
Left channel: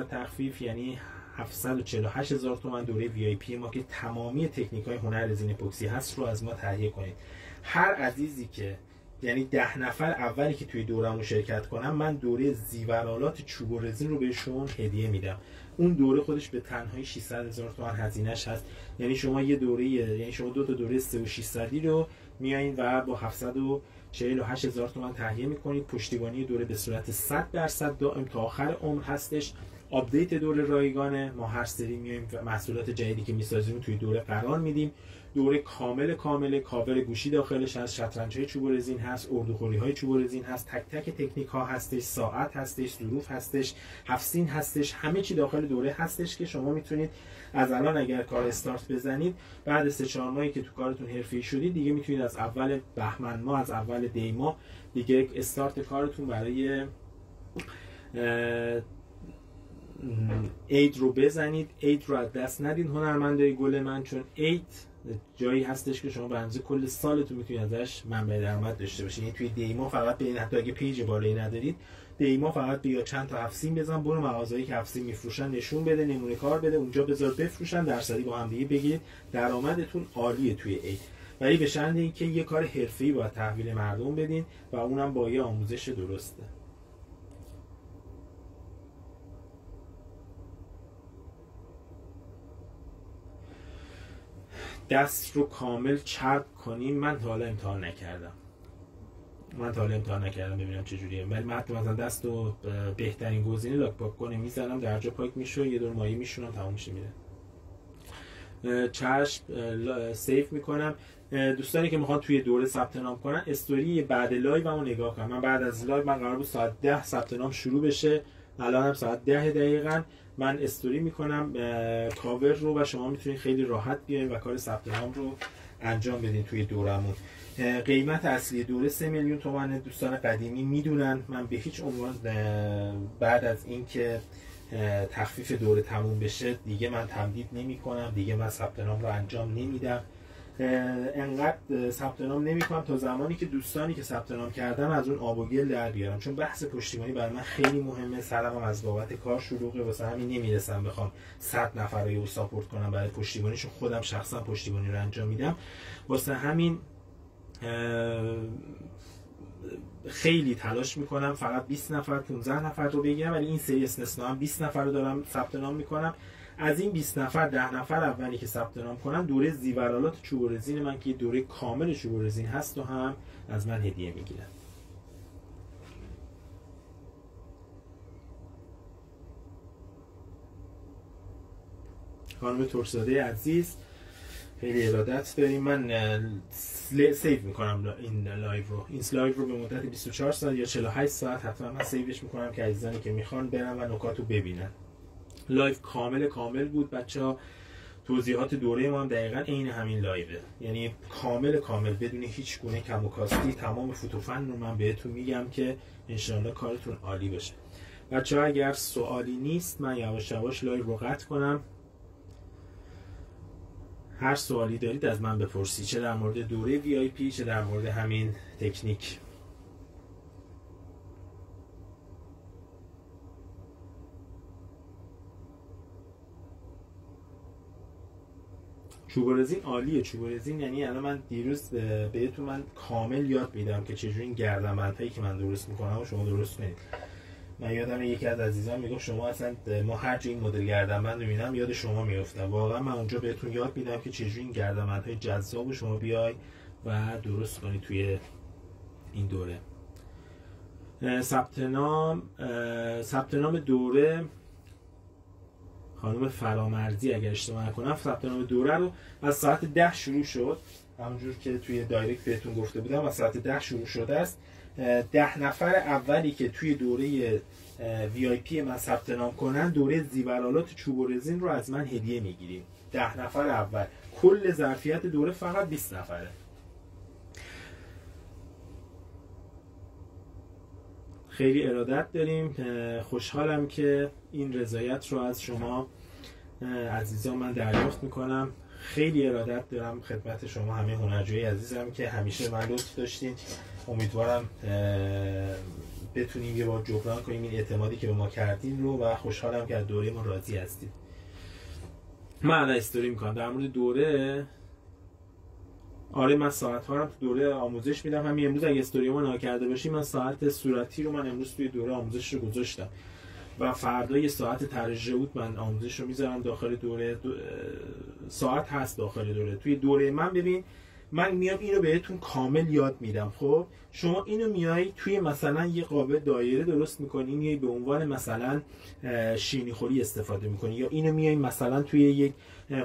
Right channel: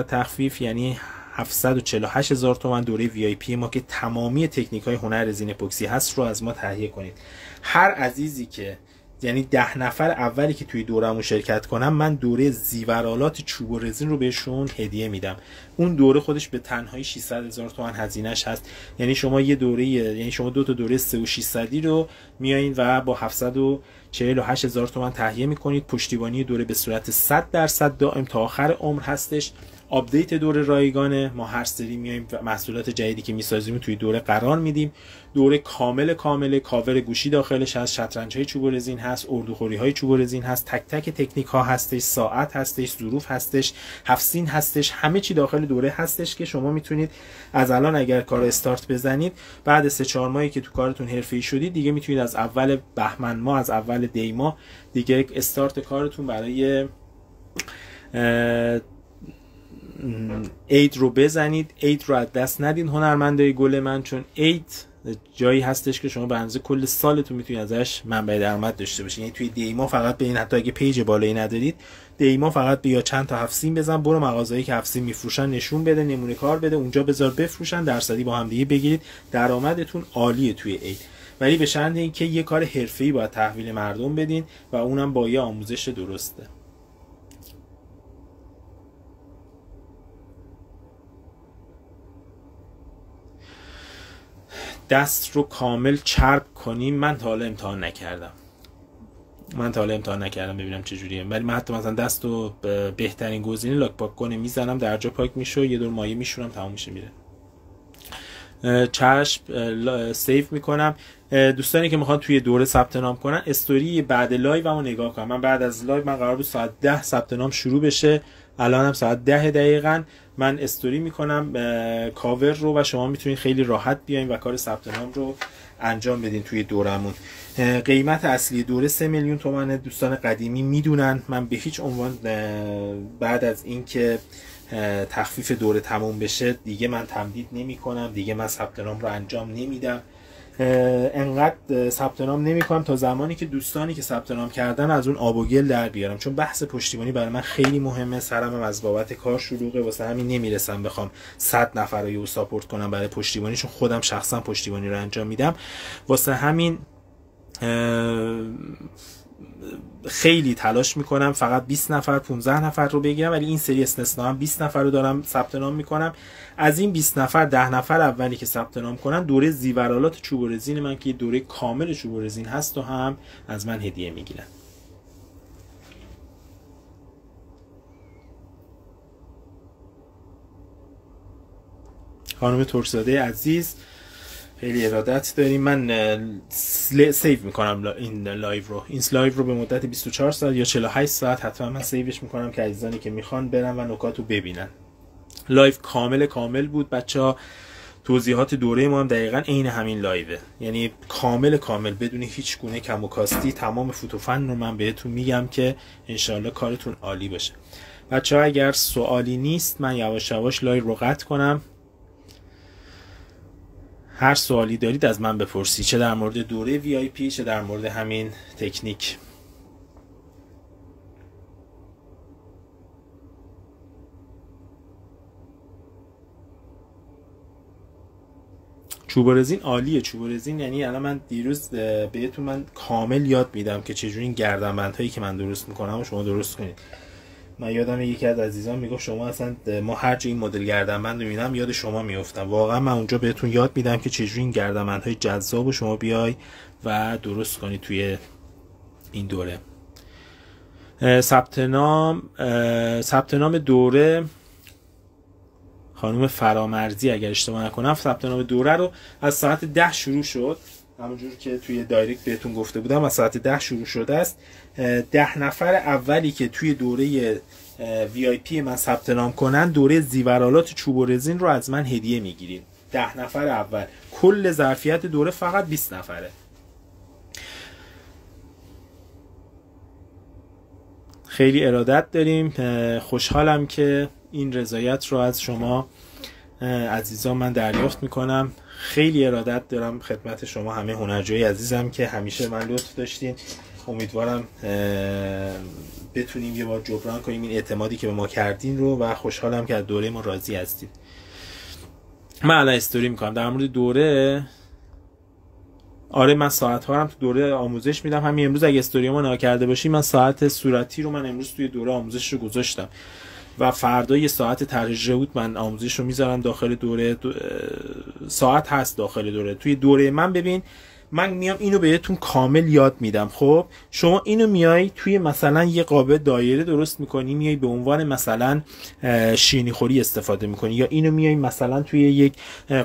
تخفیف یعنی 748,000 تومان دوره VIP ما که تمامی تکنیک های هنر رزین اپوکسی هست رو از ما تهیه کنید. هر عزیزی که یعنی 10 نفر اولی که توی دورمون شرکت کنم، من دوره زیورآلات چوب و رزین رو بهشون هدیه میدم. اون دوره خودش به تنهایی 600,000 تومان هزینه‌اش هست. یعنی شما یه دوره، یعنی شما دو تا دوره 3 و 600 رو میایین و با 748,000 تومان تهیه میکنید. پشتیبانی دوره به صورت 100% دائم تا آخر عمر هستش. آپدیت دوره رایگانه، ما هر سری میایم و محصولات جدیدی که میسازیم توی دوره قرار میدیم. دوره کامل کاور گوشی داخلش هست، شطرنج‌های چوب و رزین هست، اردوخوری‌های چوب و رزین هست، تک تک تکنیک ها هستش، ساعت هستش، ظروف هستش، هفت‌سین هستش، همه چی داخل دوره هستش که شما میتونید از الان اگر کار استارت بزنید، بعد 3-4 ماهی که تو کارتون حرفه‌ای شدید دیگه میتونید از اول بهمن ماه، از اول دی ماه دیگه استارت کارتون برای عید رو بزنید. عید رو از دست ندین هنرمندای گل من، چون عید جایی هستش که شما به اندازه کل سالتون میتونید ازش منبع درآمد داشته باشید. یعنی توی دیما فقط به این، حتی اگه پیج بالایی ندارید، دیما فقط بیا چند تا هفت‌سین بزن، برو مغازه‌ای که هفت‌سین میفروشن نشون بده، نمونه کار بده، اونجا بذار بفروشن، درصدی با هم دیگه بگیرید، درآمدتون عالیه توی عید. ولی به شرط اینکه یه کار حرفه‌ای باید تحویل مردم بدین و اونم با یه آموزش درسته. دست رو کامل چرب کنیم، من تا حالا امتحان نکردم ببینم چه جوریه، ولی من حتی مثلا دست رو بهترین گزینه لاک پاک کنه میزنم، در جا پاک میشه، یه دور مایع میشورم، تموم میشه میره. چشم سیو میکنم. دوستانی که میخوان توی دوره ثبت نام کنن، استوری بعد لایو رو نگاه کنن. من بعد از لایو، من قرار بود ساعت 10 ثبت نام شروع بشه، الان هم ساعت 10 دقیقاً من استوری میکنم کاور رو و شما میتونید خیلی راحت بیاین و کار ثبت نام رو انجام بدین توی دورمون. قیمت اصلی دوره 3 میلیون تومانه. دوستان قدیمی میدونن من به هیچ عنوان بعد از اینکه تخفیف دوره تموم بشه دیگه من تمدید نمی کنم، دیگه من ثبت نام رو انجام نمیدم. انقدر ثبت نام نمی‌کنم تا زمانی که دوستانی که ثبت نام کردن از اون آب و گل در بیارم، چون بحث پشتیبانی برای من خیلی مهمه. سرم هم از بابت کار شلوغه، واسه همین نمیرسم بخوام 100 نفر رو ساپورت کنم برای پشتیبانی، چون خودم شخصا پشتیبانی رو انجام میدم. واسه همین خیلی تلاش میکنم فقط 20 نفر 15 نفر رو بگیرم، ولی این سری استثنا هم 20 نفر رو دارم ثبت نام میکنم. از این 20 نفر 10 نفر اولی که ثبت نام کنن دوره زیورآلات چوب و رزین من که دوره کامل چوب و رزین هست و هم از من هدیه میگیرن. خانم ترکزاده عزیز خیلی ارادت داریم. من سیو میکنم این لایو رو به مدت 24 ساعت یا 48 ساعت حتما من سیوش میکنم که عزیزانی که میخوان برن و نکات رو ببینن. لایو کامل بود بچه‌ها. توضیحات دوره ما هم دقیقاً عین همین لایوه، یعنی کامل بدون هیچ گونه کم و کاستی تمام فوتوفن رو من بهتون میگم که انشالله کارتون عالی باشه. بچه‌ها اگر سوالی نیست من یواش یواش لایو رو قطع کنم. هر سوالی دارید از من بپرسید، چه در مورد دوره VIP چه در مورد همین تکنیک. چوب و رزین عالیه. چوب و رزین یعنی الان من دیروز بهتون من کامل یاد میدم که چجوری این گردنبندهایی که من درست میکنم و شما درست کنید. من یادم یکی از عزیزان میگفت شما اصلا ما هر جا این مدل گردنبند رو میبینم یاد شما میافتم. واقعا من اونجا بهتون یاد میدم که چجوری این گردنبندهای جذاب رو شما بیای و درست کنید توی این دوره. ثبت نام دوره خانم فرامرزی اگر اشتباه نکنم، ثبت نام دوره رو از ساعت 10 شروع شد، همونجور که توی دایرکت بهتون گفته بودم از ساعت 10 شروع شده است. 10 نفر اولی که توی دوره VIP من ثبت نام کنن دوره زیورآلات چوب و رزین رو از من هدیه میگیرید. 10 نفر اول. کل ظرفیت دوره فقط 20 نفره. خیلی ارادت داریم. خوشحالم که این رضایت رو از شما عزیزان من دریافت میکنم. خیلی ارادت دارم خدمت شما همه هنرجوی عزیزم که همیشه من لطف داشتین. امیدوارم بتونیم یه بار جبران کنیم این اعتمادی که به ما کردین رو و خوشحالم که از دوره ما راضی هستید. من الان استوری میکنم در مورد دوره. آره من ساعت ها هم تو دوره آموزش میدم. همین امروز اگه استوری ما نگاه کرده باشی، من ساعت صورتی رو من امروز توی دوره آموزش رو گذاشتم و فردا یه ساعت طرح بود من آموزش رو میذارم داخل دوره. ساعت هست داخل دوره. توی دوره من ببین، من میام اینو بهتون کامل یاد میدم. خب شما اینو میای توی مثلا یه قاب دایره درست میکنی، میای به عنوان مثلا شیرینی خوری استفاده میکنی، یا اینو میای مثلا توی یک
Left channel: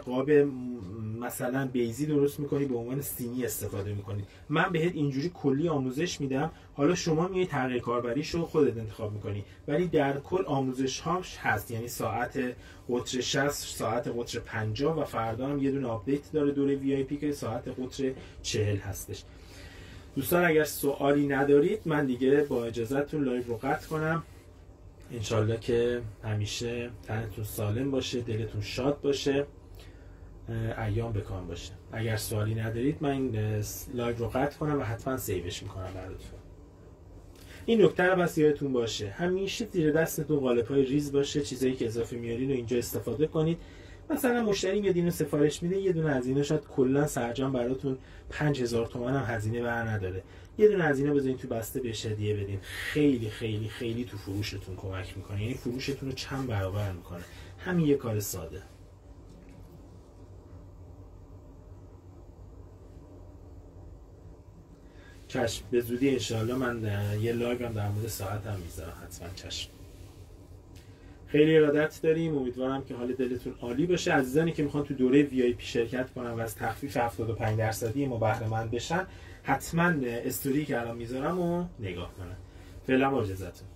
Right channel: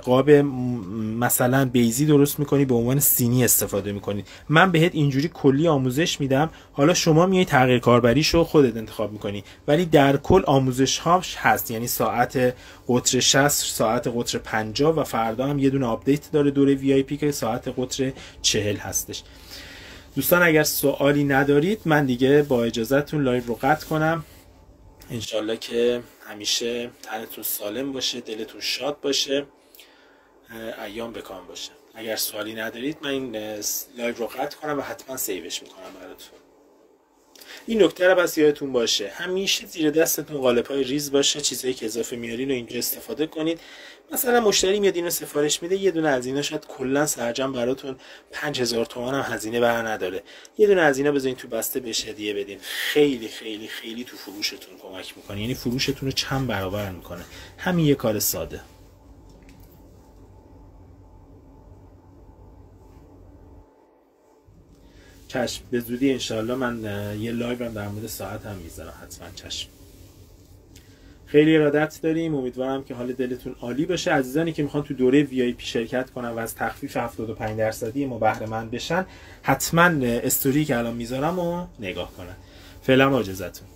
قاب مثلا بیزی درست میکنی به عنوان سینی استفاده میکنی. من بهت اینجوری کلی آموزش میدم، حالا شما میای تغییر کاربریشو خودت انتخاب میکنی، ولی در کل آموزش هاش هست. یعنی ساعت قطر 60، ساعت قطر 50 و فردا هم یه دونه آپدیت داره دوره وی آی پی که ساعت قطر 40 هستش. دوستان اگر سوالی ندارید من دیگه با اجازهتون لایو رو قطع کنم. انشالله که همیشه تنتون سالم باشه، دلتون شاد باشه، ایام بکام باشه. اگر سوالی ندارید من این لایو رو قطع کنم و حتما سیوش میکنم براتون. این نکته رو بس یادتون باشه، همیشه زیر دستتون قالب‌های ریز باشه. چیزایی که اضافه میارین رو اینجا استفاده کنید. مثلا مشتری میاد اینو سفارش میده، یه دونه هزینه شاید کلا سرجم براتون 5000 تومان هم هزینه بر نداره. یه دونه هزینه بذارین تو بسته بهش هدیه بدین. خیلی خیلی خیلی تو فروشتون کمک میکنه. یعنی فروشتون رو چند برابر میکنه. همین یه کار ساده. چشم، به زودی انشالله من یه لایو هم در مورد ساعت هم میذارم حتما. چشم. خیلی ارادت داریم. امیدوارم که حال دلتون عالی باشه. عزیزانی که میخوان تو دوره وی آی پی شرکت کنن و از تخفیف 75% ما بهره مند بشن، حتما استوری که الان میذارم رو نگاه کنن. فعلا با اجازهتون.